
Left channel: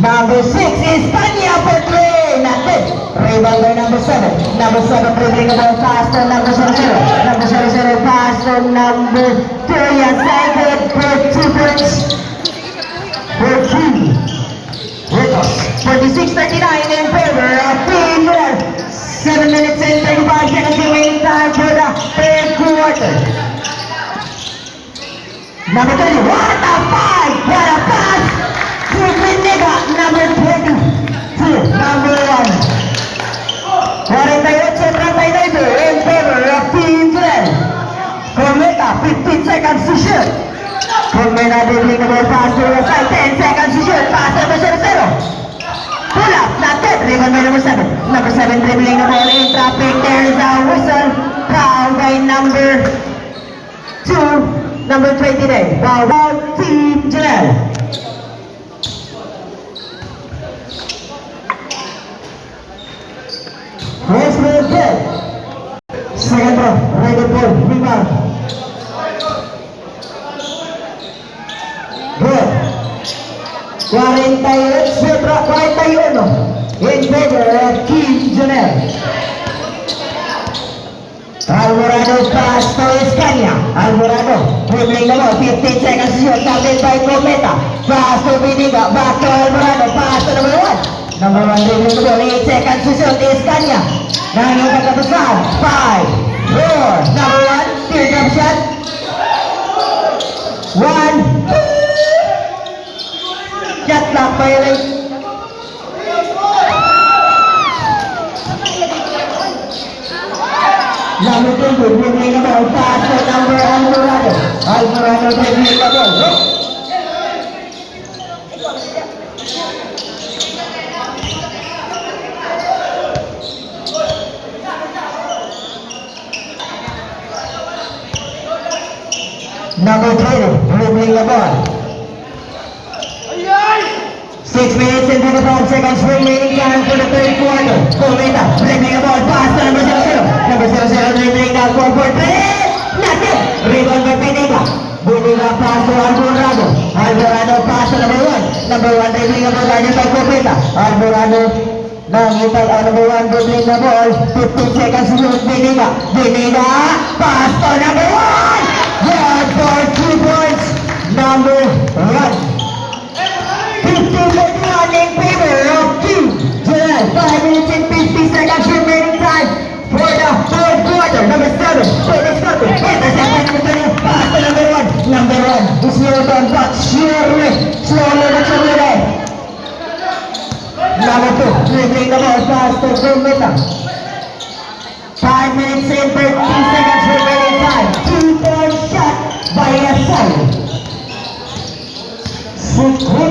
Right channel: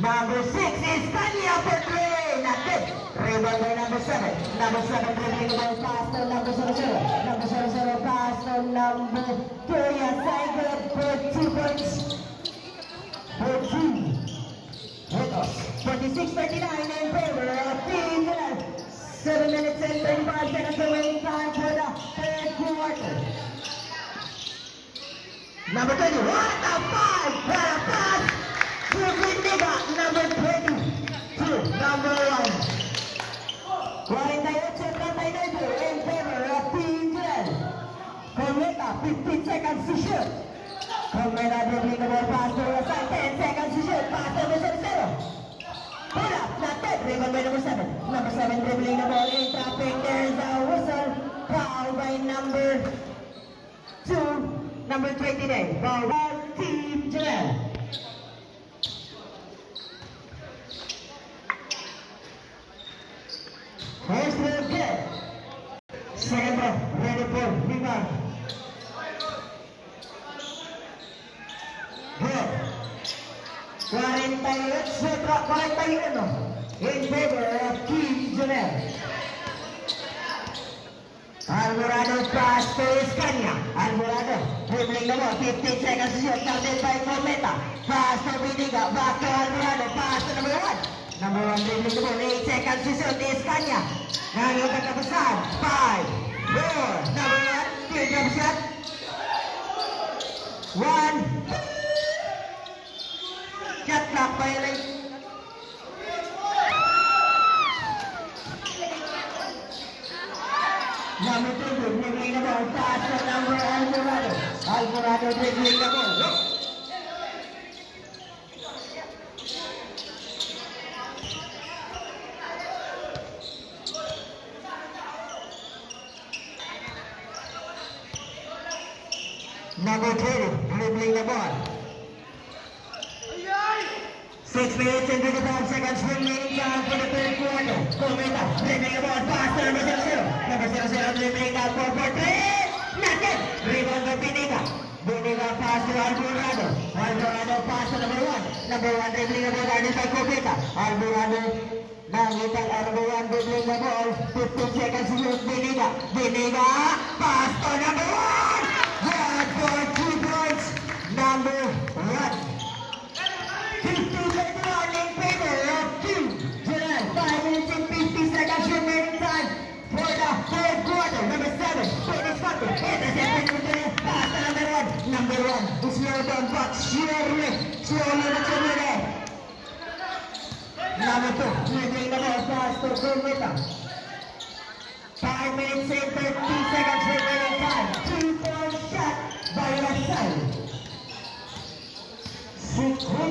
Number 6 is Kanya for 3. Not good. Rebound by number 7. Number 7 dribbling the ball pass to number 00. Number 00 pass to number 2. Yes, I good for 2 points. For 3. Ritos. 46-39 in favor of Team Red. 7 minutes and 35 seconds remaining time for the third quarter. Number 20. What a fight! What a pass! To Pinega. Number 20. To number 1. 48-39 in favor of Team Red. Cometa, 15 seconds to shoot. Cometa dribbling the ball pass to the side. 10 seconds to shoot. Pass number 0-0. Pull up, not good. Rebound by number 7. Number 7 dribbling the ball in traffic. There is a whistle. Foul by number 2. Number 29. Foul Team Janelle. First move good. Second ball, right ball, rebound. Good. 41 in favor of Team Janelle. Alvarado pass to Escania. Alvarado dribbling the ball, 15 seconds to shoot, started by Cometa. Pass to Vidiga, back to Alvarado, pass to number 1. Number 1 dribbling the ball, 8 seconds to shoot, Escania. Nangyayang katapusan, 5, 4, number 1, teardrop shot. 1, shot clock violation. Number 2, dribbling the ball, pass to number Alvarado. Alvarado dribbling the ball. Number 20, dribbling the ball. 6 minutes and 25 seconds remaining time for the third quarter. Cometa, dribbling the ball, pass to number 00. Number 00 dribbling the ball for 3. Not it. Rebound by Pinega. Pinega pass to Alvarado. Alvarado pass to number 1. Number 1 dribbling the ball, guarded by Cometa. Alvarado, nakita number 1 dribbling the ball. 15 seconds to shoot. Pinega. Pinega, pass to number 1. Good for 2 points. Number 1. 15-41 in favor of Team Janelle. 5 minutes and 50 seconds remaining time for the fourth quarter. Number 7, Felix Cote. Intercept number 20. Pass to number 1. Number 1 is Newton, but surely, slowly but surely. Number 2, dribbling the ball, pass to Cometa. 5 minutes and 30 seconds remaining time. 2-point shot by a side. 53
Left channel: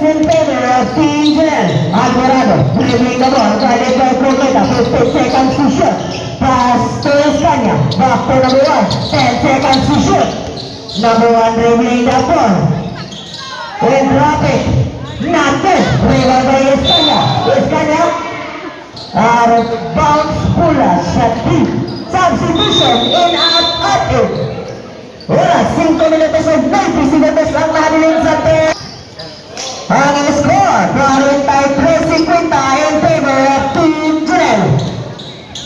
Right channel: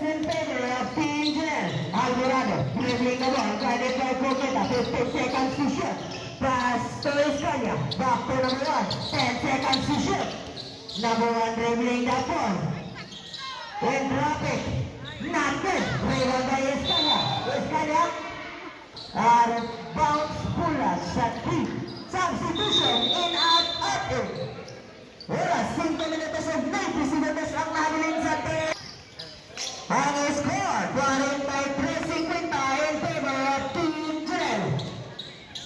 in favor of Team Janelle. Alvarado dribbling the ball, guarded by Cometa. 15 seconds to shoot. Pass to Escania. Back to number 1. 10 seconds to shoot. Number 1 dribbling the ball. And drop it. Not good. Rebound by Escania. Escania. Out of bounds. Pula shot 3. Substitution in at 8. Oras, 5 minutos at 90 segundos lang natin sa ten. Ang score, 43-50 in favor of Team Janelle.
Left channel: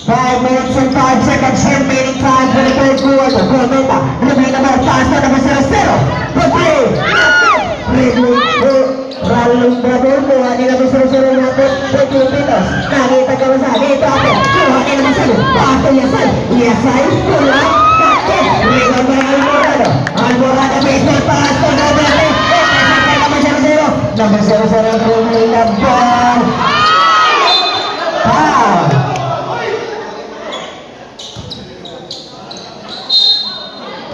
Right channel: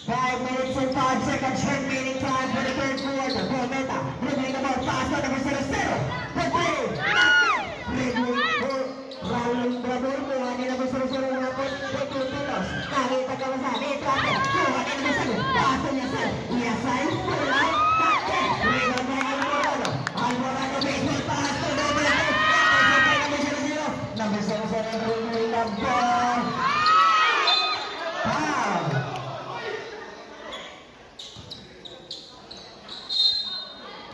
5 minutes and 5 seconds remaining time for the third quarter. Cometa, dribbling the ball, pass to number 0-0. Pagkay, dribbling, ralong brother, kuha nila number 0-0 natin. Pagkay Pitos, nakita ka ba sa dito ako. Kuha nila number 7, pass to Yasay. Yasay, kulang. Rebound by Alvarado. Alvarado baseball pass to number 3. Number 0-0 dribbling the ball. Foul.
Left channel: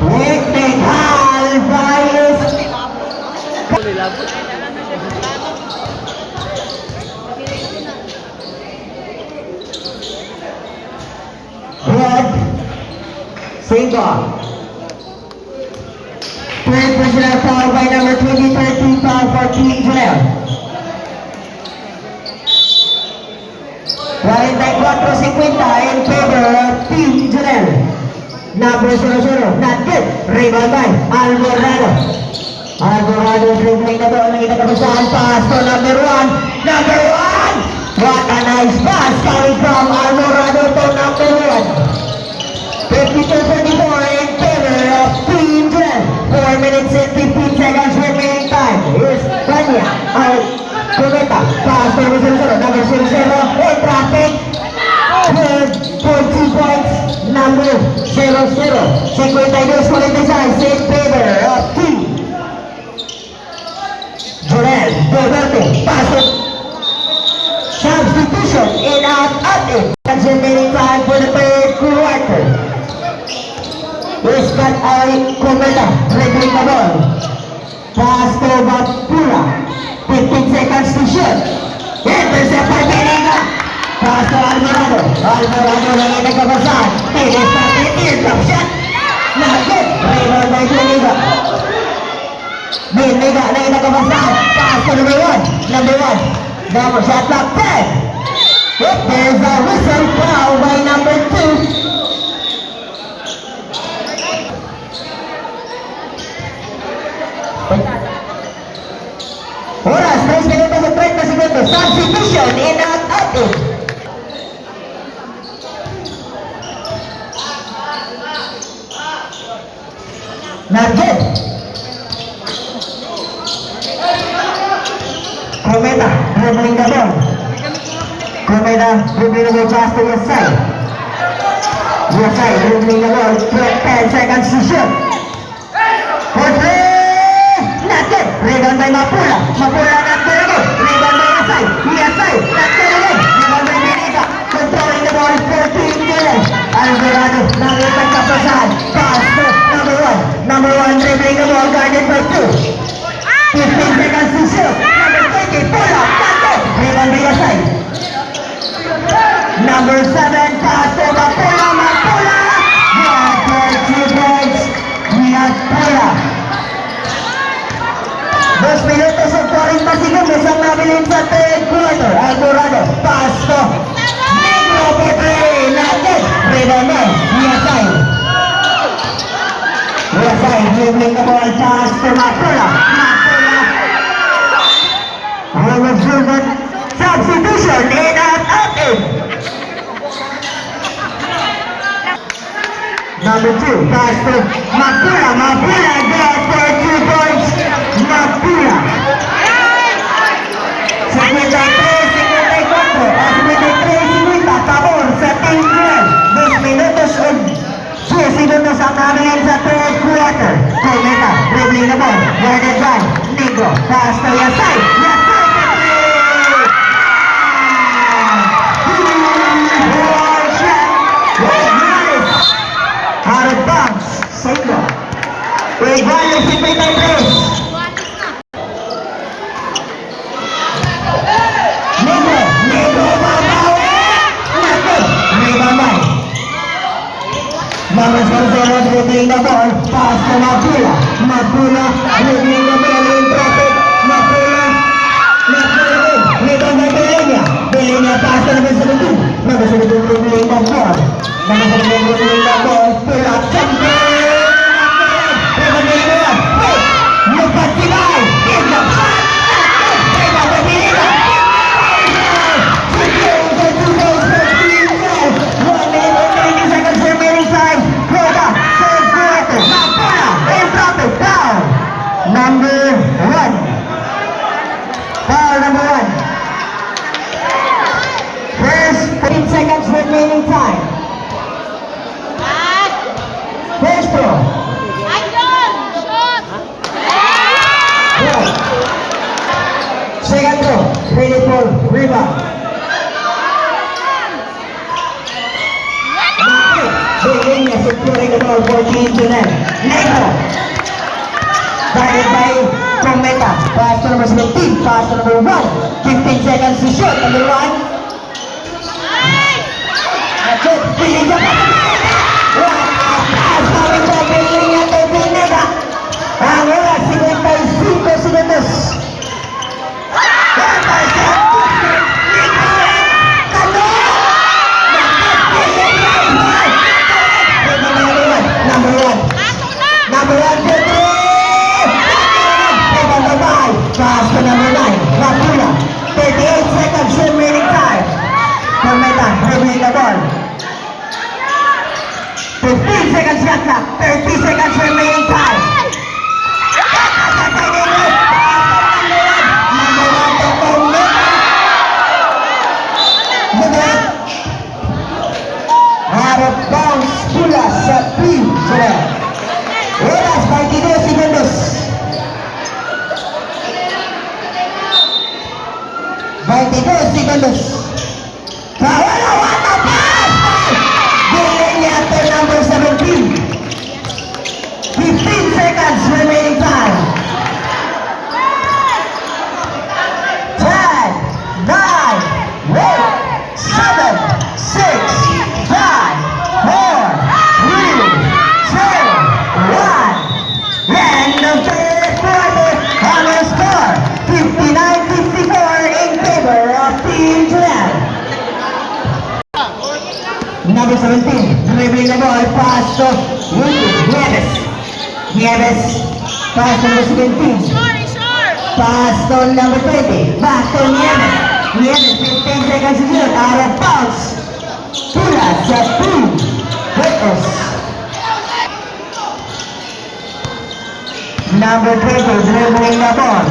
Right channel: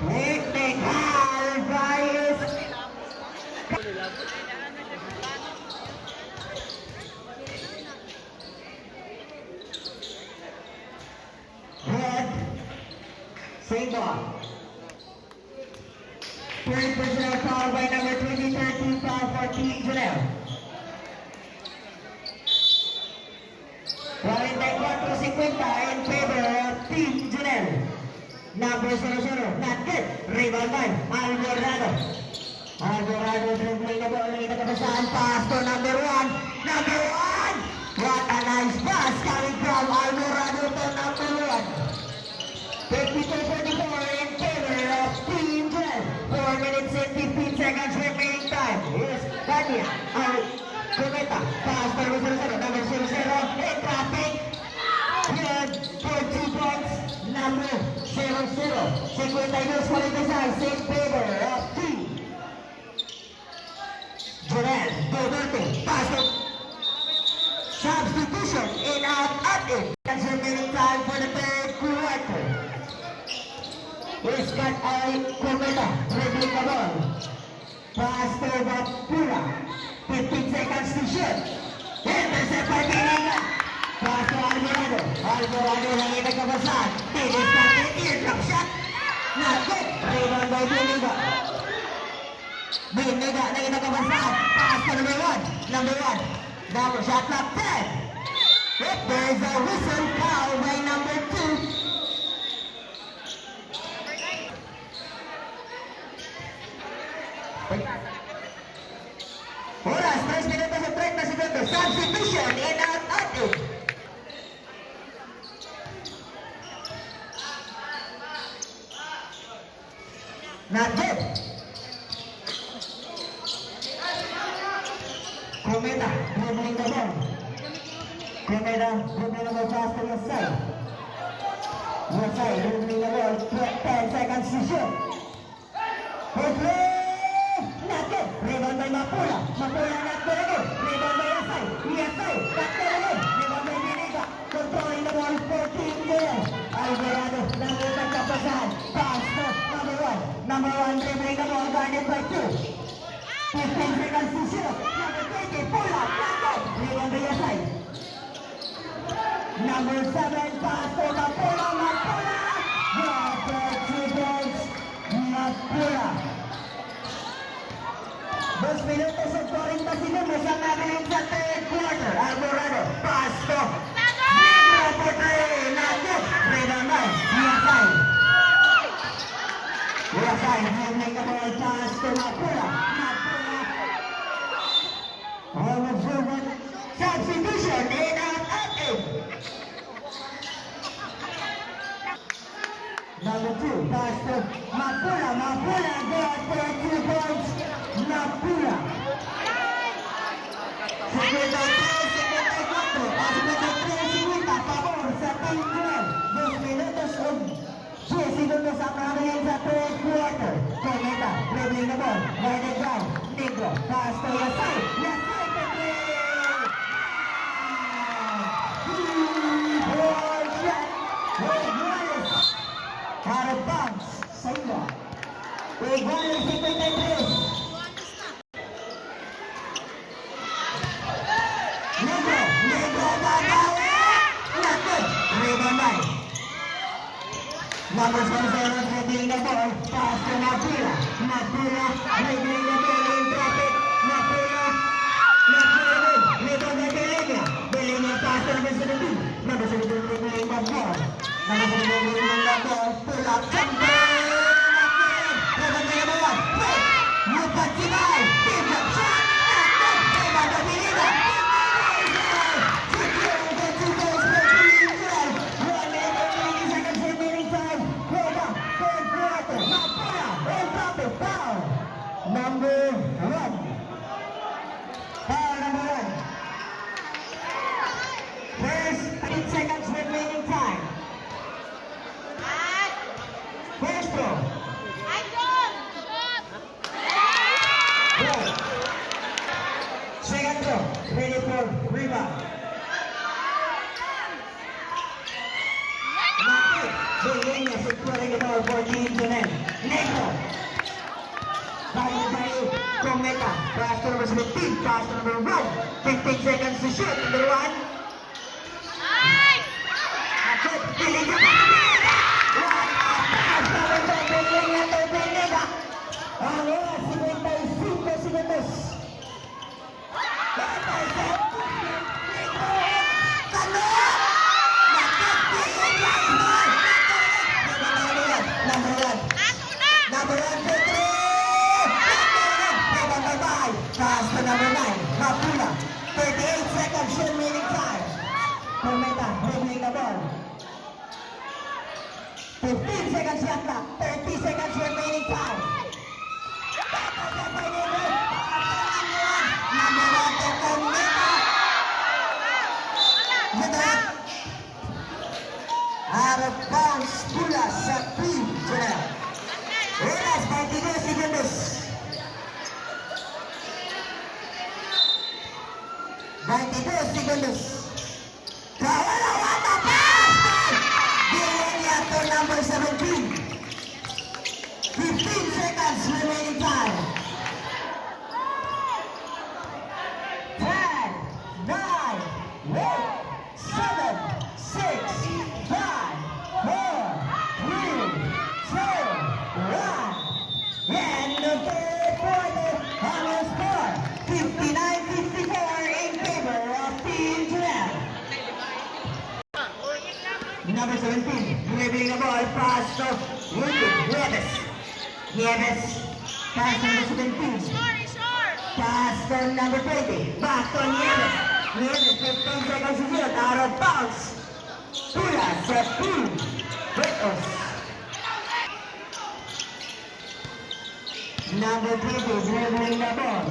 Technical bias. Red. Single. Third personal foul by number 20, 13 foul for Team Junel. 44-50 in favor of Team Junel. Number 00, not good. Rebound by Alvarado. Alvarado dribbling the ball. Nakita ka ba saan? Pass to number 1. Number 1! What a nice pass coming from Alvarado to number 1. 52-44 in favor of Team Junel. 4 minutes and 15 seconds remaining time. Here's Kanya. Cometa. Pass to number 00. Number 00 in traffic. Good for 2 points. Number 00. 52-46 in favor of Team Junel. Duarte. Pass it. Substitution in out at it. That's remaining time for the third quarter. Ispat ay Cometa. Dribbling the ball. Pass to Bapura. 15 seconds to shoot. Intercept by Benega. Pass to Alvarado. Alvarado lang yung nagkabasan. Tinis natin. Eardrop shot. Not good. Rebound by Benega. Benega lang yung nagkabasan. Pass to number 1. Number 1. Double shot clock 10. Yep, there's a whistle foul by number 2. Oras, 3 minutos at 30 segundos. Substitution in out at it. Not good. Cometa, dribbling the ball. Cometa, dribbling the ball pass to your side. Your side, dribbling the ball. 10 seconds to shoot. For 3. Not good. Rebound by Mapula. Mapula not good again. Rebound by Yasay. Yasay not good again. Rebound by Benega. Controlling the ball for Team Junel. Alvarado nakita kapasahan. Pass to number 1. Number 1 dribbling the ball guarded by 2. 15 seconds to shoot. Number 20. Pull up. Not good. Rebound by Yasay. Number 7. Pass to Mapula. Mapula. Yeah, for 2 points. Mapula. 2 minutos at 40 segundos ang nabilin sa third quarter. Alvarado, pass to Negro for 3. Not good. Rebound by Yasay. Yasay dribbling the ball. Pass to Mapula. Mapula. Almost driven. Substitution in out at it. Number 2, pass to Mapula. Mapula good for 2 points. Mapula. 53-50 pabor sa Team Junel. 2 minutos at 2 segundos ang nabilin sa third quarter. Cometa, dribbling the ball. Guarded by Negro. Pass to Yasay. Yasay for 3. Out of bounds. Sendo. Igual 53. Negro babawi. Naku. Rebound. Number 00 dribbling the ball. Pass to Mapula. Mapula dribbling the ball in traffic. Mapula. Rebound by Belenia. Belenia pass to number 17. Number 17 dribbling the ball. Number 17 dribbling the ball. Pull up. Something. Look at the eye. Give the shot. Rebound by Belenia. 1 minute and 90 seconds remaining time. Quota, third quarter. Mapula, in traffic, foul. Number 1. Foul number 1. First, 15 seconds remaining time. First throw. Right. Second throw. Ready for rebound. Belenia securing the ball for Team Junel. Negro. Guarded by Cometa. Pass to number 17. Pass to number 1. 15 seconds to shoot. Number 1. That's it. Belenia pa sa Belenia. What a pass coming from Belenia to Benega. Ang Number one. Ato na! Number one, two, three. Number five. Pass to number nine. Rapula. 38 seconds remaining time. Tormenta, dribbling the ball. 15 seconds shot clock. 30 seconds remaining time. Number one, Tormenta. Jeanette. Out of bounds, pula sa team. Jeanette. Oras, 22 segundos. 22 segundos. Kawalawan na pass! Dilinyate number 17. 15 seconds remaining time. 10, 9, 8, 7, 6, 5, 4, 3, 2, 1. End of third quarter. Final score, 59-54 in favor of Team Jeanette. Number 17, dribbling the ball, pass to Nieves. Nieves, pass to number 17. Sorry, sir! Pass to number 20. Back to Nieves. Nieves, 15 seconds to shoot. Out of bounds. Pula sa 2. Vicos. Number 20, dribbling the ball.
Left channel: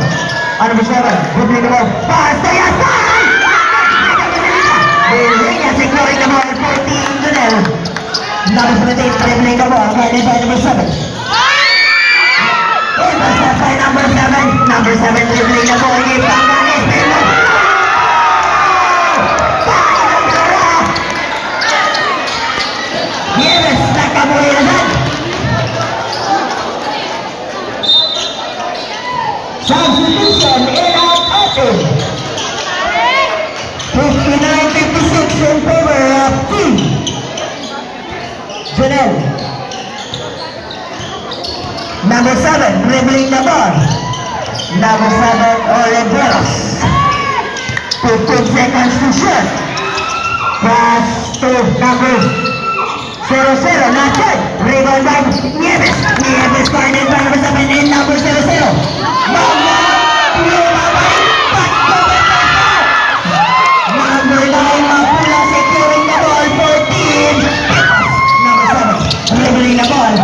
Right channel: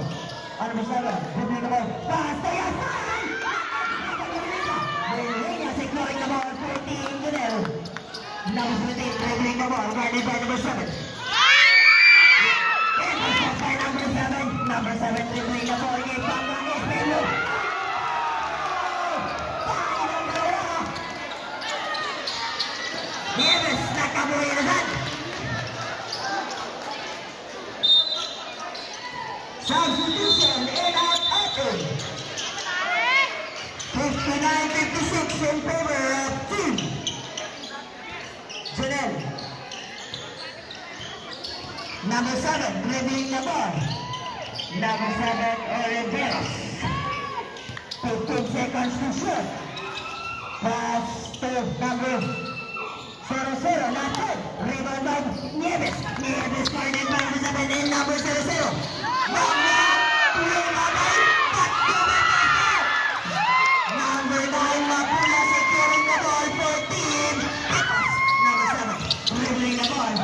Number 7, dribbling the ball. Pass to Yasan! Dilinya securing the ball for Team Jeanette. Number 17, dribbling the ball. Headed by number 7. Intercept by number 7. Number 7 dribbling the ball. Ipangganis. Nieves, nakabuhay na dyan. Substitution in out open. 59-56 in favor of Team Jeanette. Number 7, dribbling the ball. Number 7, Oliveros. 15 seconds to shoot. Pass to number 0-0, not good. Rebound by Nieves. Nieves guarded by number 7 and number 0-0. Mama! Number 9, Mapula securing the ball for Team. Number 7, dribbling the ball.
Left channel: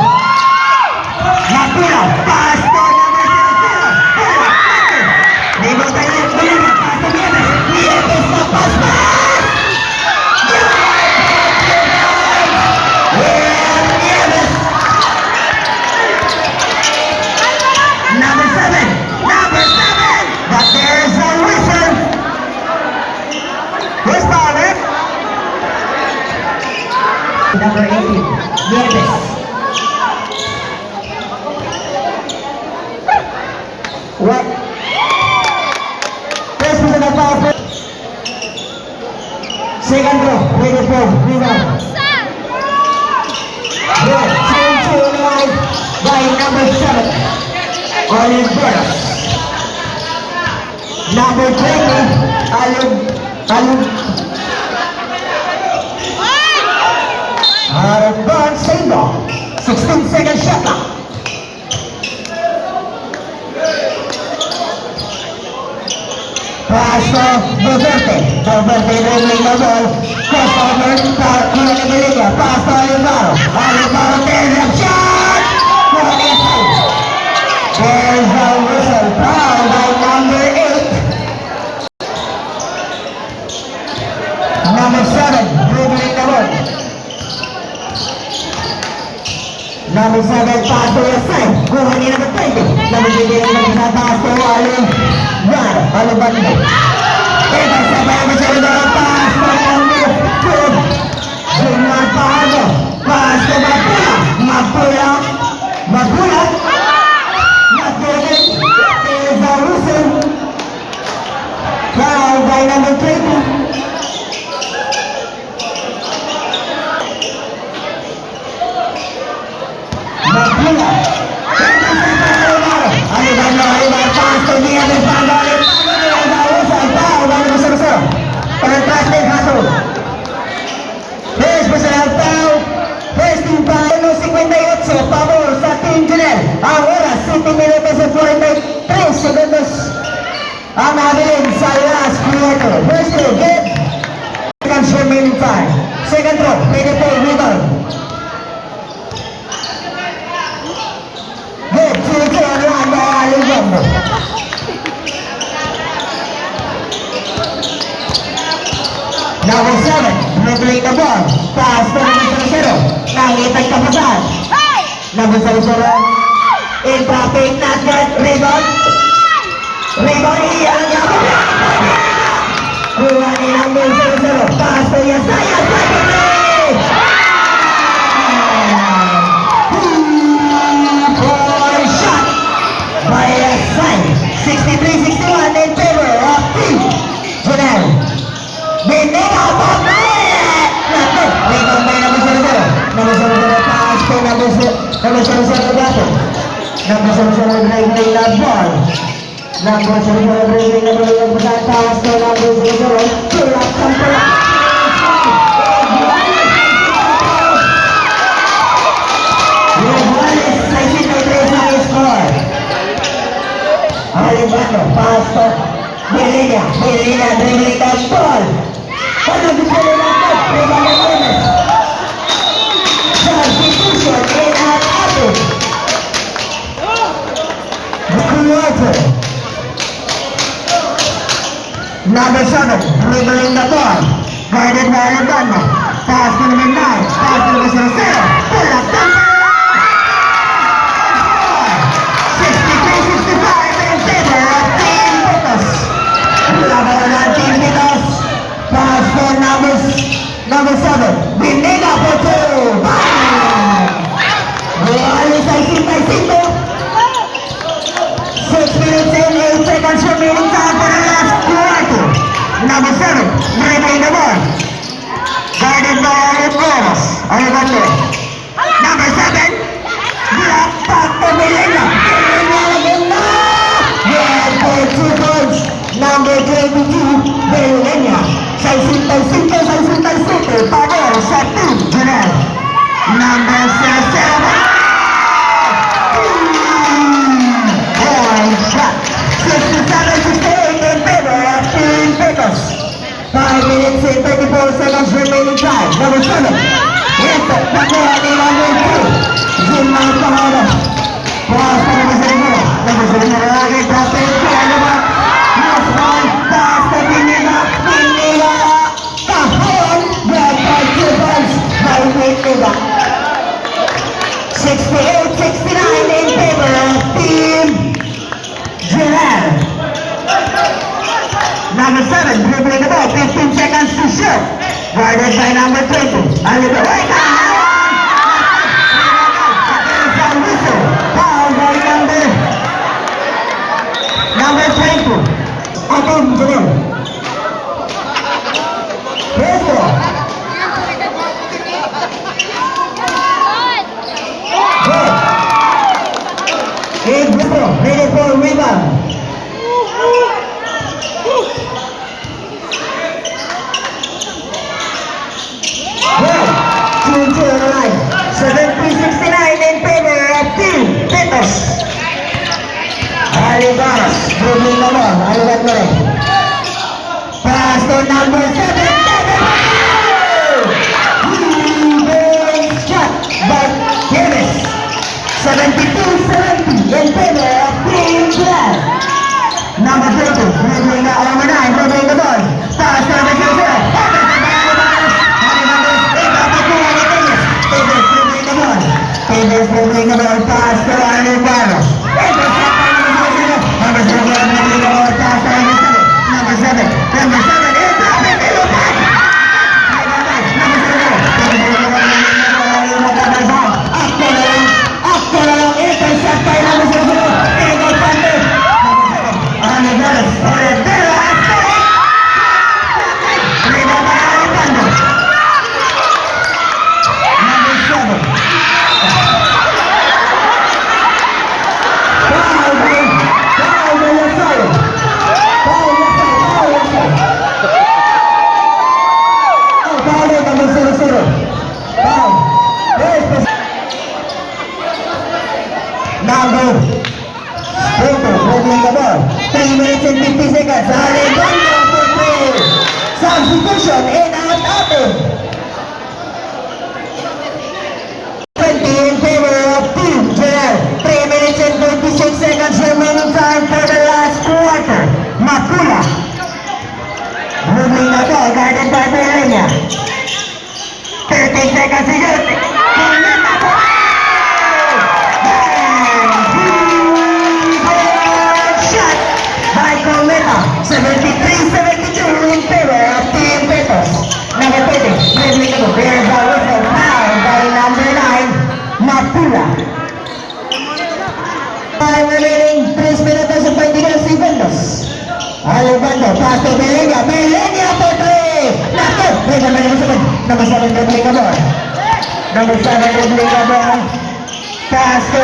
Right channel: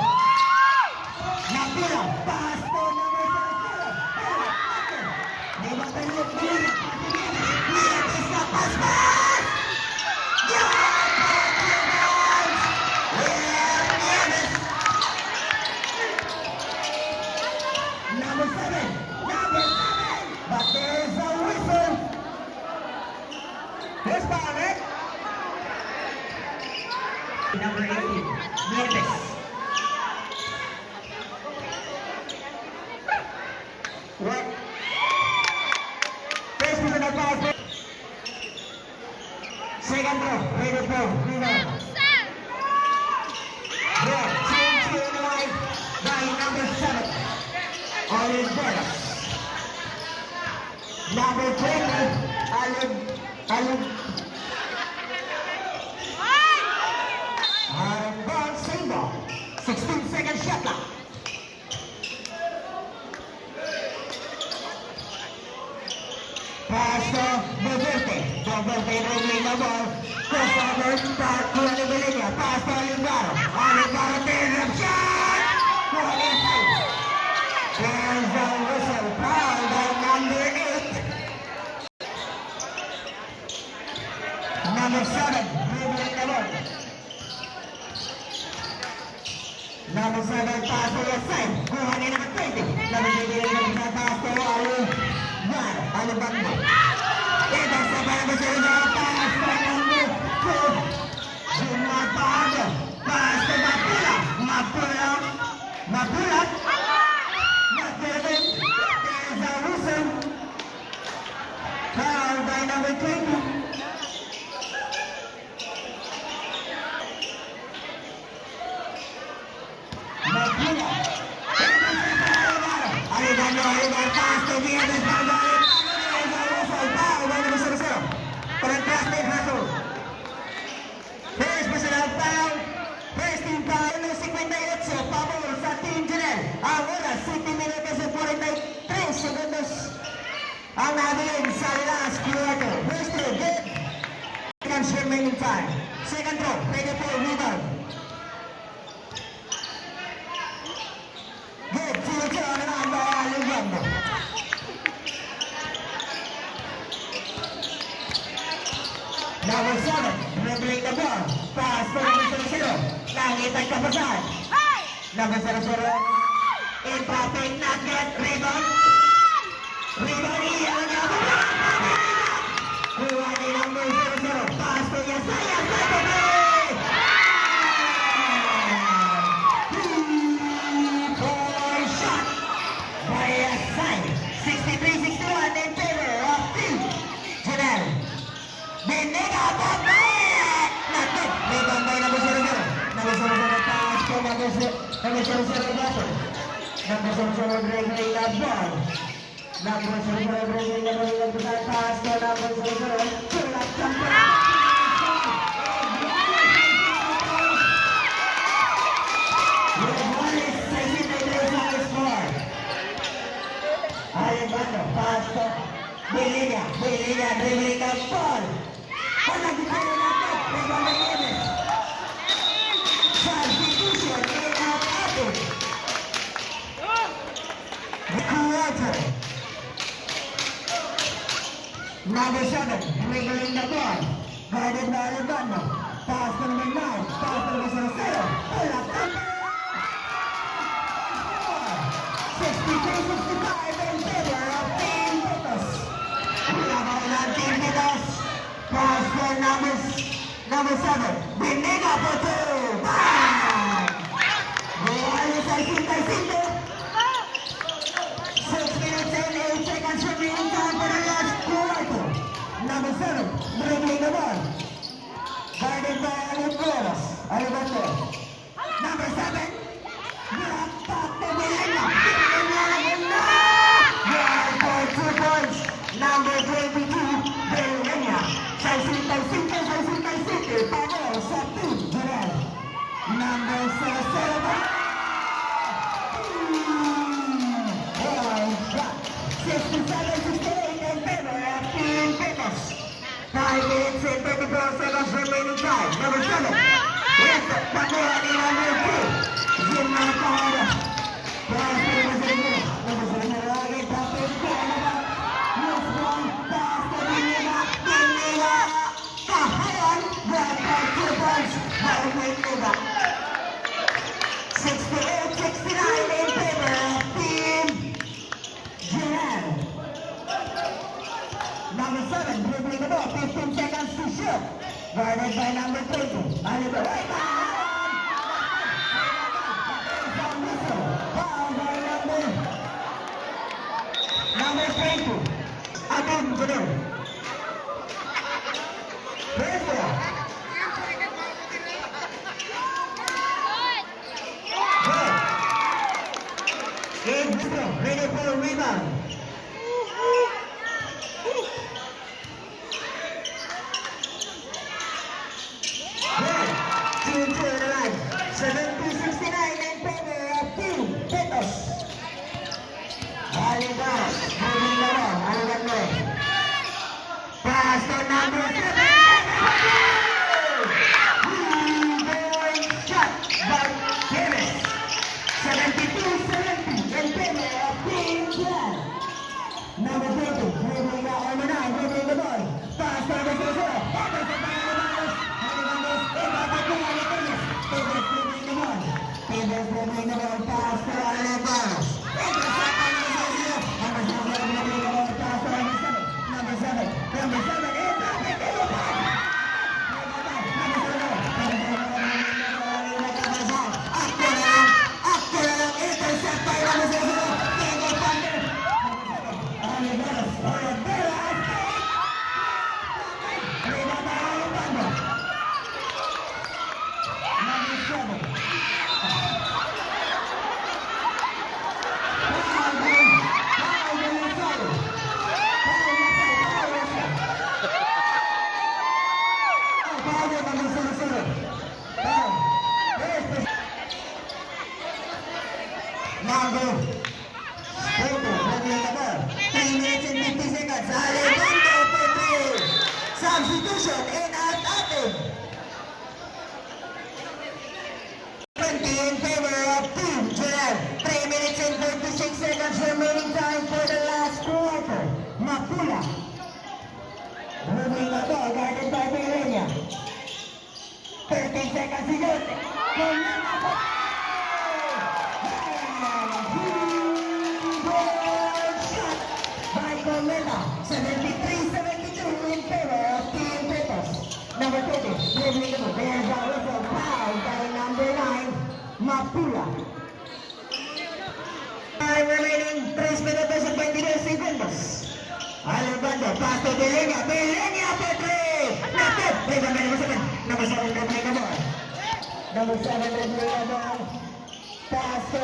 Mapula, pass to number 0-0. Rebound by Nieves. Pass to Nieves. Nieves na pass back. Number 7, but there's a whistle. Who's ballin'? Number 18, Nieves. What? First was an foul. Second row, ready for rebound. Good, change to the line by number 7. Oliveros. Number 20, out of bounds, single. 16 second shot clock. Pass to Doverte. Doverte dribbling the ball. Crossover, Kuya Nigelia. Pass to Olivaro. Olivaro, third shot. Kuya Nigelia. There's a whistle. Foul by number 8. Number 7, dribbling the ball. Number 7, pass to your side. Kuha ni number 20. Number 20, number pass to Alubanda. Intercept by number 7, pass to number 2. Junior Paano. Pass to Mapula. Mapula. Not getting. There's a whistle. Foul by number 20. Mapula. Alibando, pass to the other side. There's a whistle. Foul 58, pabor sa Team Junel. Ang oras, 7 minutos at 43 segundos. Ang nabilin sa last quarter. First row, good. Second remaining time. Second row, ready for rebound. Good, 2-2 on one by Alexander. Number 7, dribbling the ball. Pass to number 0. Nangitag kapasan. Number 0. In traffic, not good. Rebound. Rebound, iyan niya. Kuha ni number 0. Pass to Yesaya. Four shot by Yesaya. 63-61 in favor of Team Junel. Binera po na ulit! Natin! Rebound by number 0. Number 0 pass to number 0 gato. Number 0 dribbling na ball. Number 0 dribbling na ball. Pass to number 0. Tulak sa tulak. Wallace, 63 sa score. Alibano, pass to Belina. Belina dribbling na ball. Ano gusto nila ito? Rebound na Gomez. Substitution in our office. Quarter. Number 7, dribbling the ball. Guarded by Alabama. Pass to number 9. Pass to number 0. Pull up number 63-65 in favor of Team Pitos. Laban ng Team Pitos. Pass to number 7. Binega for 2. Bang! Wallace ay sintay-sinto. 6 minutes and 8 seconds remaining time for the last quarter. Number 7, dribbling the ball. Guarded by Alibano. Alibano. Number 7, block back to Belina. Belina. Good for 2 points. Number 22, Belina. Say sintay-sinto. Pabor sa Team Junel. Number 7. Shot. 67-68 in favor of Team Pitos. 5 minutes and 34 seconds remaining time. Number 7. Ito, nakuha ni number 2. Jim Mahalo. Pass to number 0. Number 0 lagi. Traffic. Ano ba? Last one. Pass to Binila. Kahon. Good by 2 points. By Binila. 68-69 in favor of Team Junel. Number 7, dribbling the ball, 15 seconds to shoot. Guarded by number 20. Alibano. Wait! Foul by number 20. Team Junel. Let's go. Good. Eight people, ready for rebound. Good. 2-2 on the line. 70-69 in favor of Team Pitos. Alibano, dribbling the ball. Alibano. Pass to number 7. Shot by Gomez. 72-70 in favor of Team Junel. Number 32, dribbling the number 9, dribbling the ball. Pass to number 0. Tables dribbling the ball. Pass to Alibano. Number 0, dribbling the ball. Pass to number 7. Number 7, it's up in the back. Number 0. After the intercept by number 0. Ego Pante. Number 7. Rebound by Alibano. Number 7. atin. 20 in favor of Team Joel. 3 minutes and 26 seconds remaining time for the last quarter. Mapula. Moving na to, guarded by Berlenia. 13 seconds to shoot. Kumita po! Shot by Kumita. 73-72 in favor of Team Petos. Number 30, dribbling to there's a whistle foul by number 9, Mapula. 5 remaining, 3 minutos and 22 segundos. Alubando, pass to Belenia. Belenia for 3! Naku! Number 7 dribbling the ball. Number 7 dribbling the ball. Pass to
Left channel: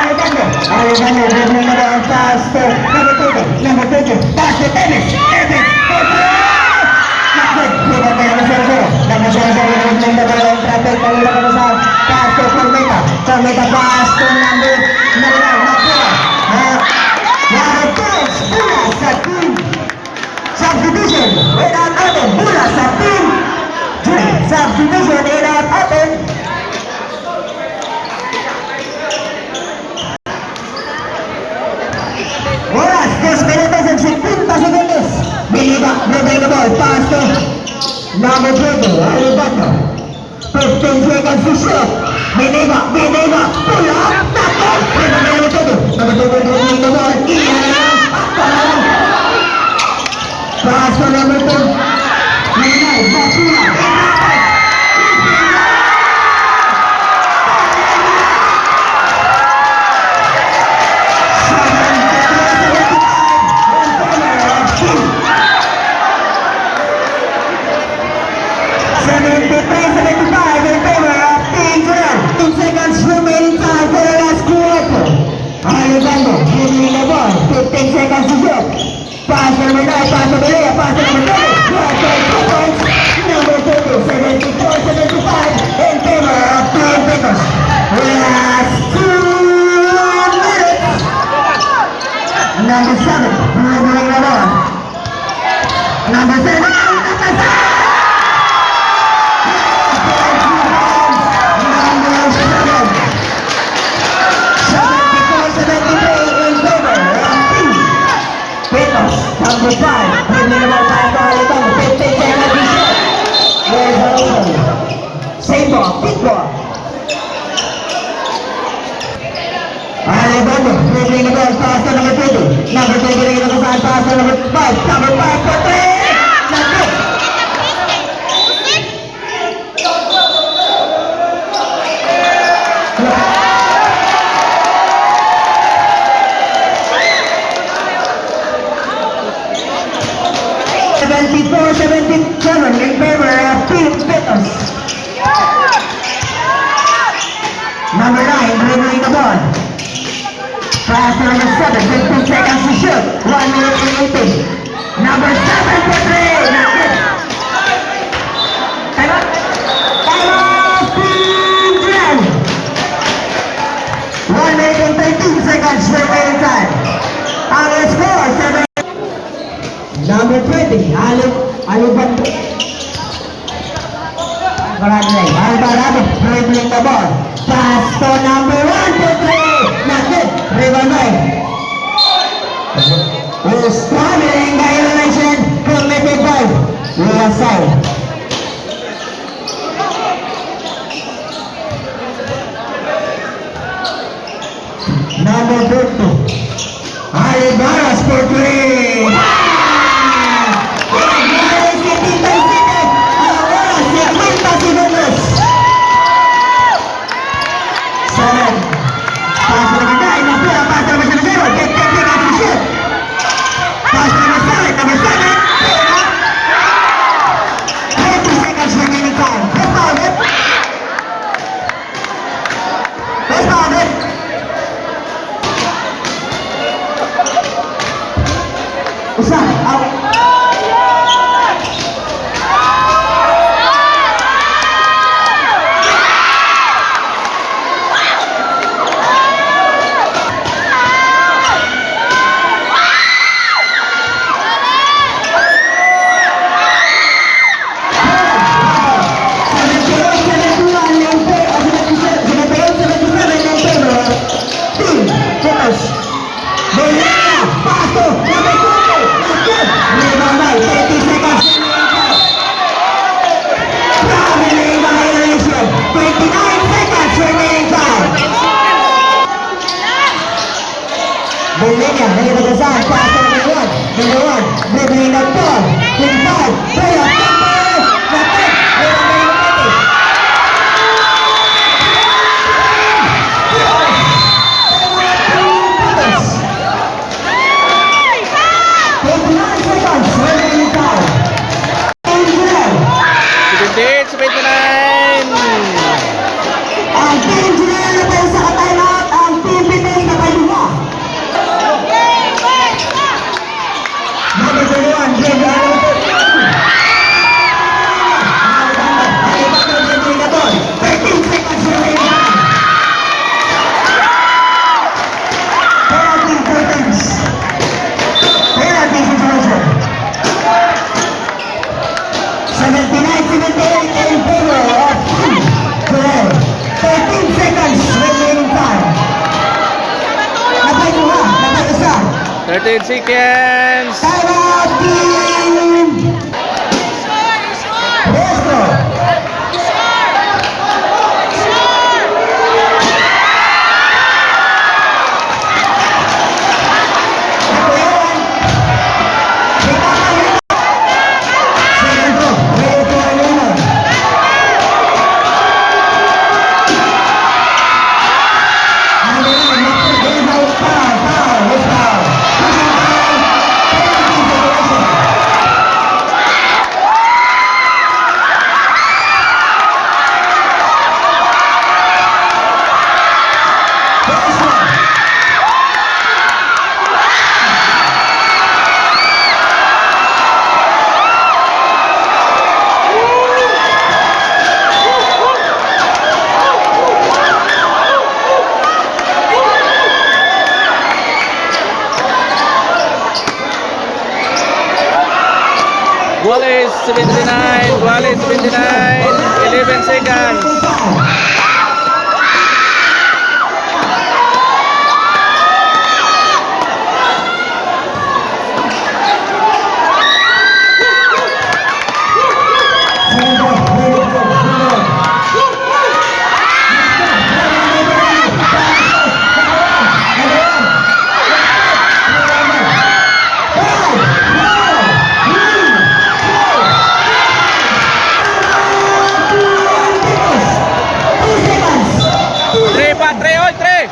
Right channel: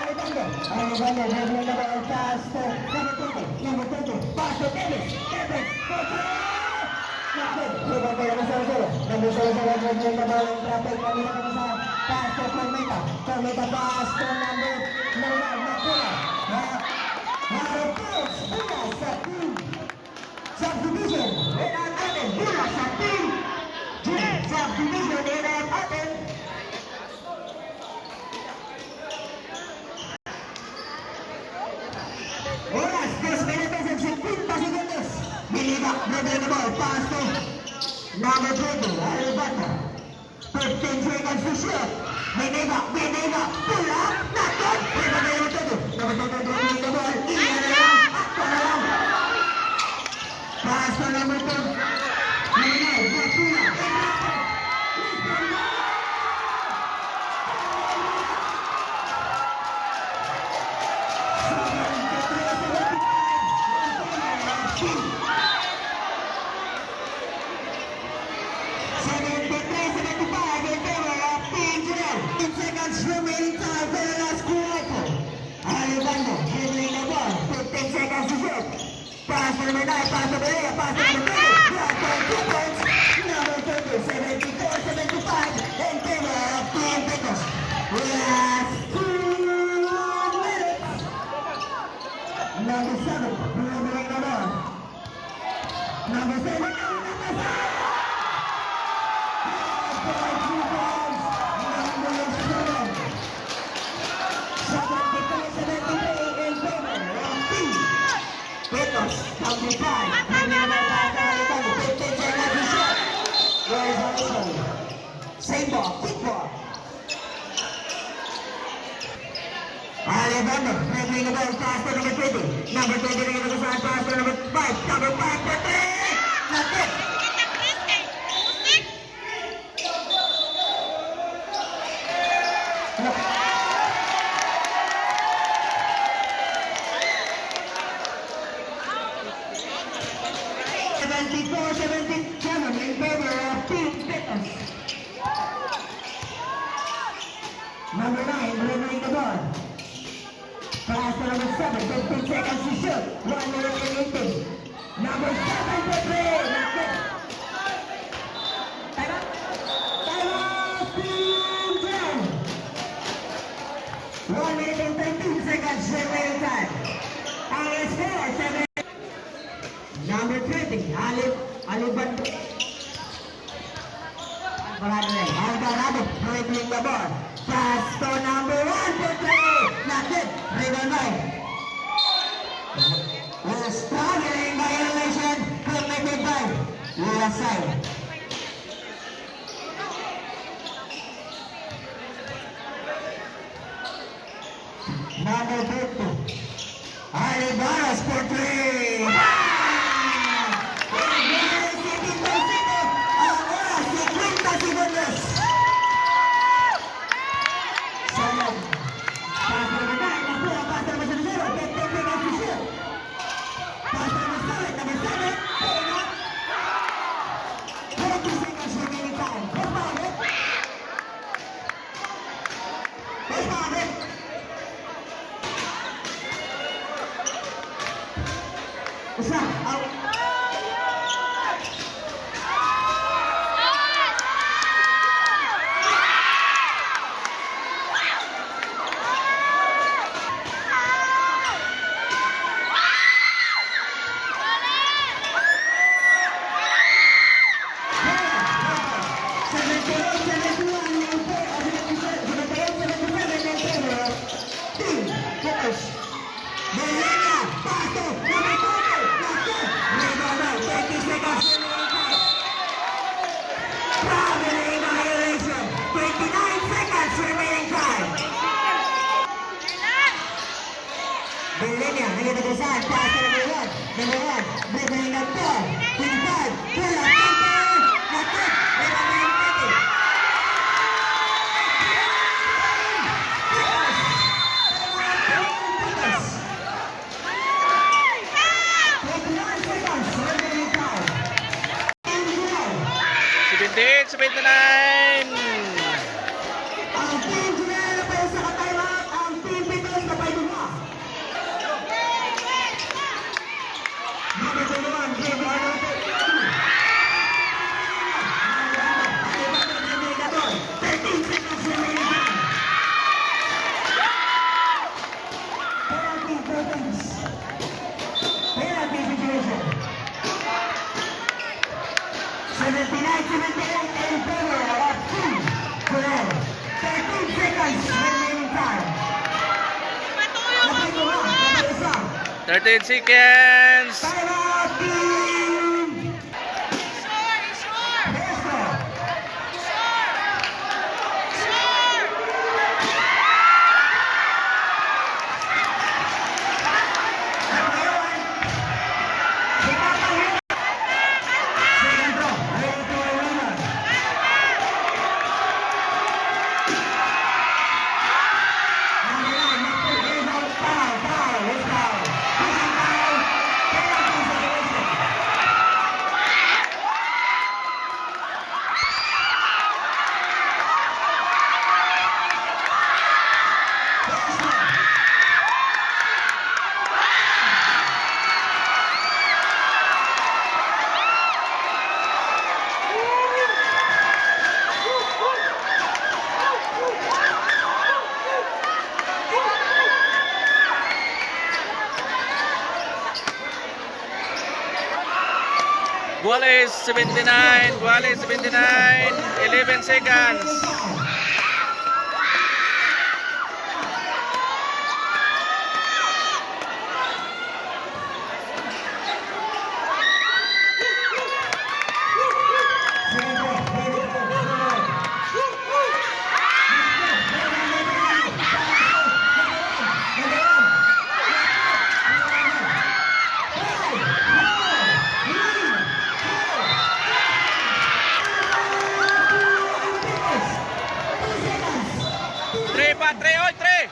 Alubando. Alubando dribbling the ball. Pass to number 20. Pass to Tennis. Tennis for 3! Naku! Number 0 dribbling the ball. Traffic. Pass to Cometa. Cometa pass to number 9. Mapula. Bula sa team subdivision without open. Bula sa team subdivision without open. Oras, 2 minutos and 50 segundos. Biliba, dribbling the ball, pass to number 20, Alibando. 15 seconds to shoot. Biliba, pull up, tackle. Number 2, dribbling the ball. Pass to number 2. Mapula. Pass number 9, pass to Belenia, pass to number 20. Number 2, 74-75 in favor of Team Petos. Last 2 minutes. Number 7, dribbling the ball. Number 7, Number 5, dribbling the ball by Alibando, 15 seconds to shoot. There's a whistle. Same ball, big ball. Alibando, dribbling the ball, pass to number 20. Number 20 rin ang saan, pass to number 5. Number 5 for 3! Not good. In favor of Team Petos. Number 9, dribbling the ball. Pass to number 7, 15 seconds to shoot. 1 minute remaining. Number 7 for 3. Not good. Time out. Time out. Team Jen. 1 minute and 13 seconds remaining time. Our score, 7. Number 20, Alibando. Alvarado, dribbling the ball. Pass to number 1 for 3. Not good. Rebound. Struggling violation committed by Lasal. Number 22, Alvarado for 3. 78-79. Ang team Junel na pa isa ka timeout. Ang team Pites na pa lima. Number 21, Jay Arnold. 13 seconds remaining. Penalty seconds. Penalty situation. 79-78 in favor of Team Junel. 13 seconds remaining time. Napay duha, napay isa. 13 seconds. Timeout team. Presto. Guales 79. Guales 79. 11 seconds. Tre pa, tre, oy, tre.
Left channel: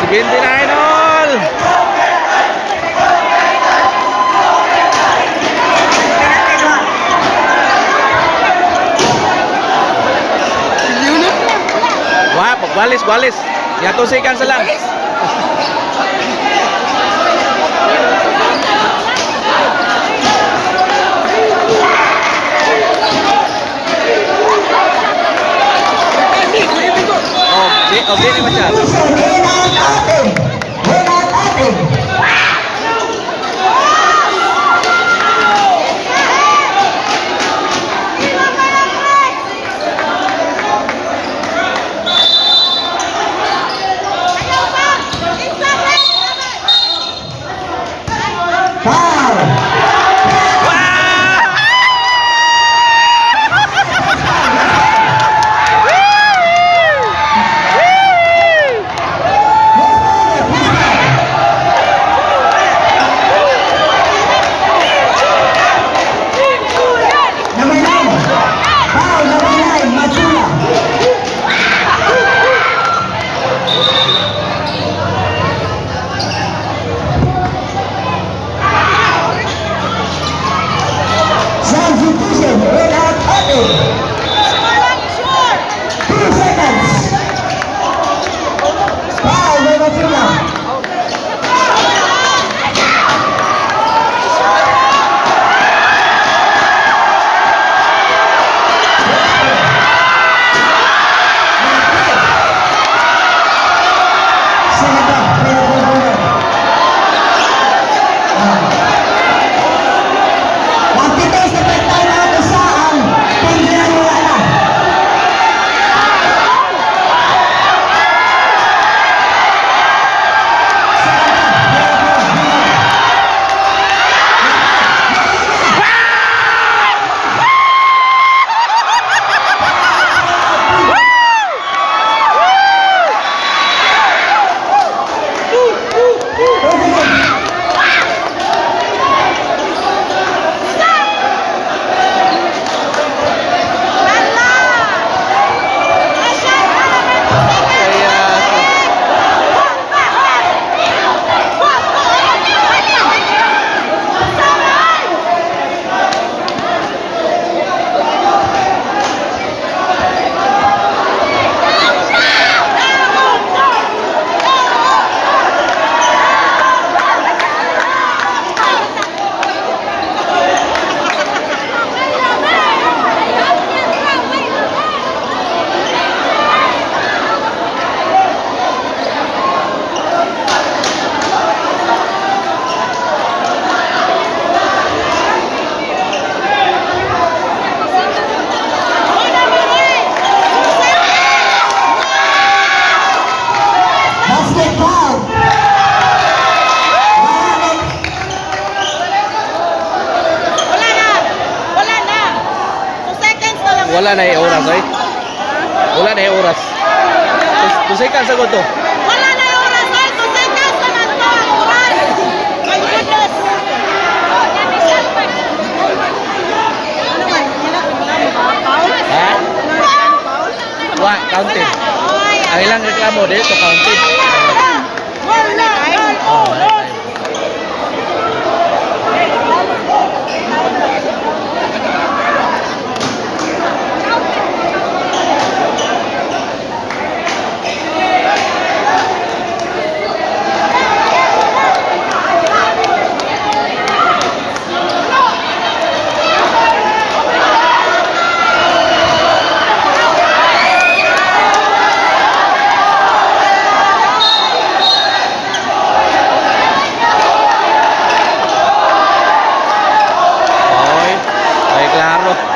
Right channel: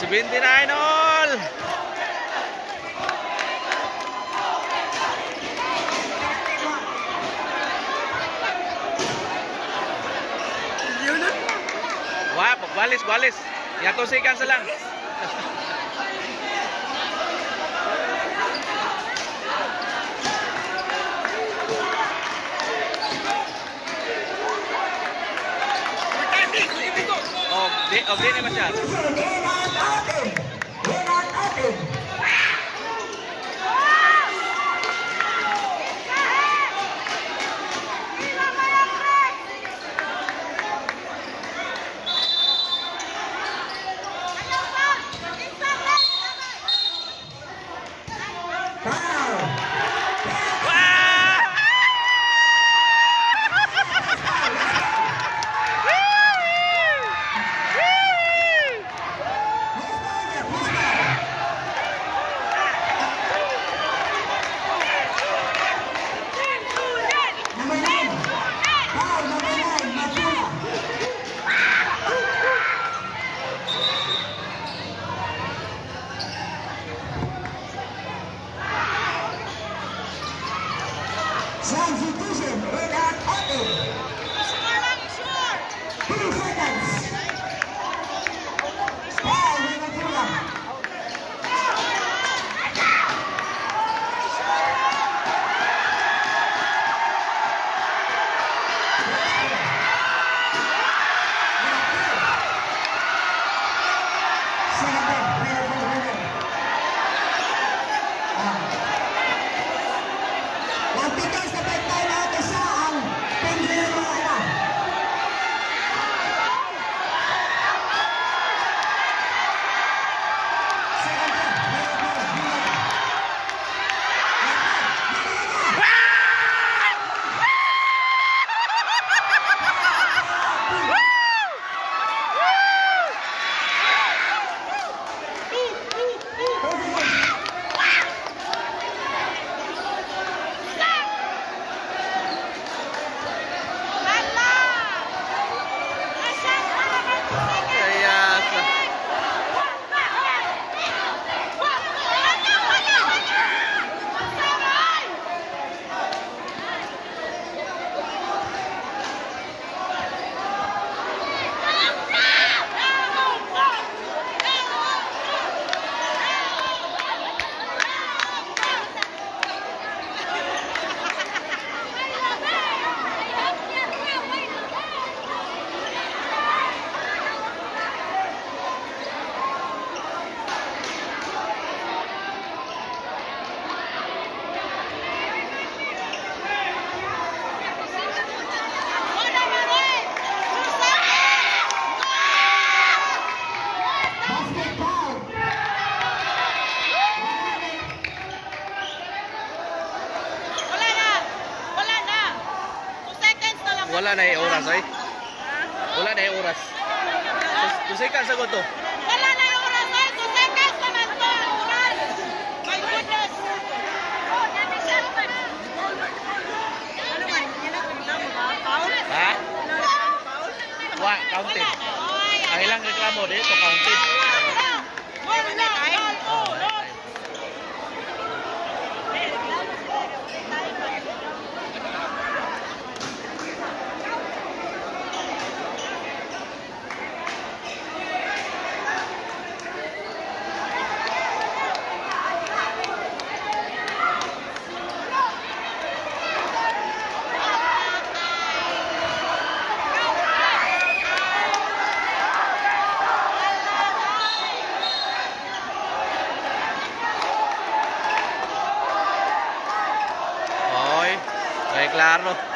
Seventy nine all. Wah, Guales, Guales. Ya 2 seconds lang. Oh, di ni macam. Substitution, Renat Ate. 2 seconds. Foul, Nueva Fila. Ang titis na pagtayo sa ang paglaruan. wala na yung oras, ay. Wala na yung oras. Tusay ka sa to. Wala na yung oras, ay. Tusay ka sa nato. Oras. My goodness. Ha? Counted. Ang ilang reklamo dito, counted. Wala. Oh, wala time. Oy, ay klaro.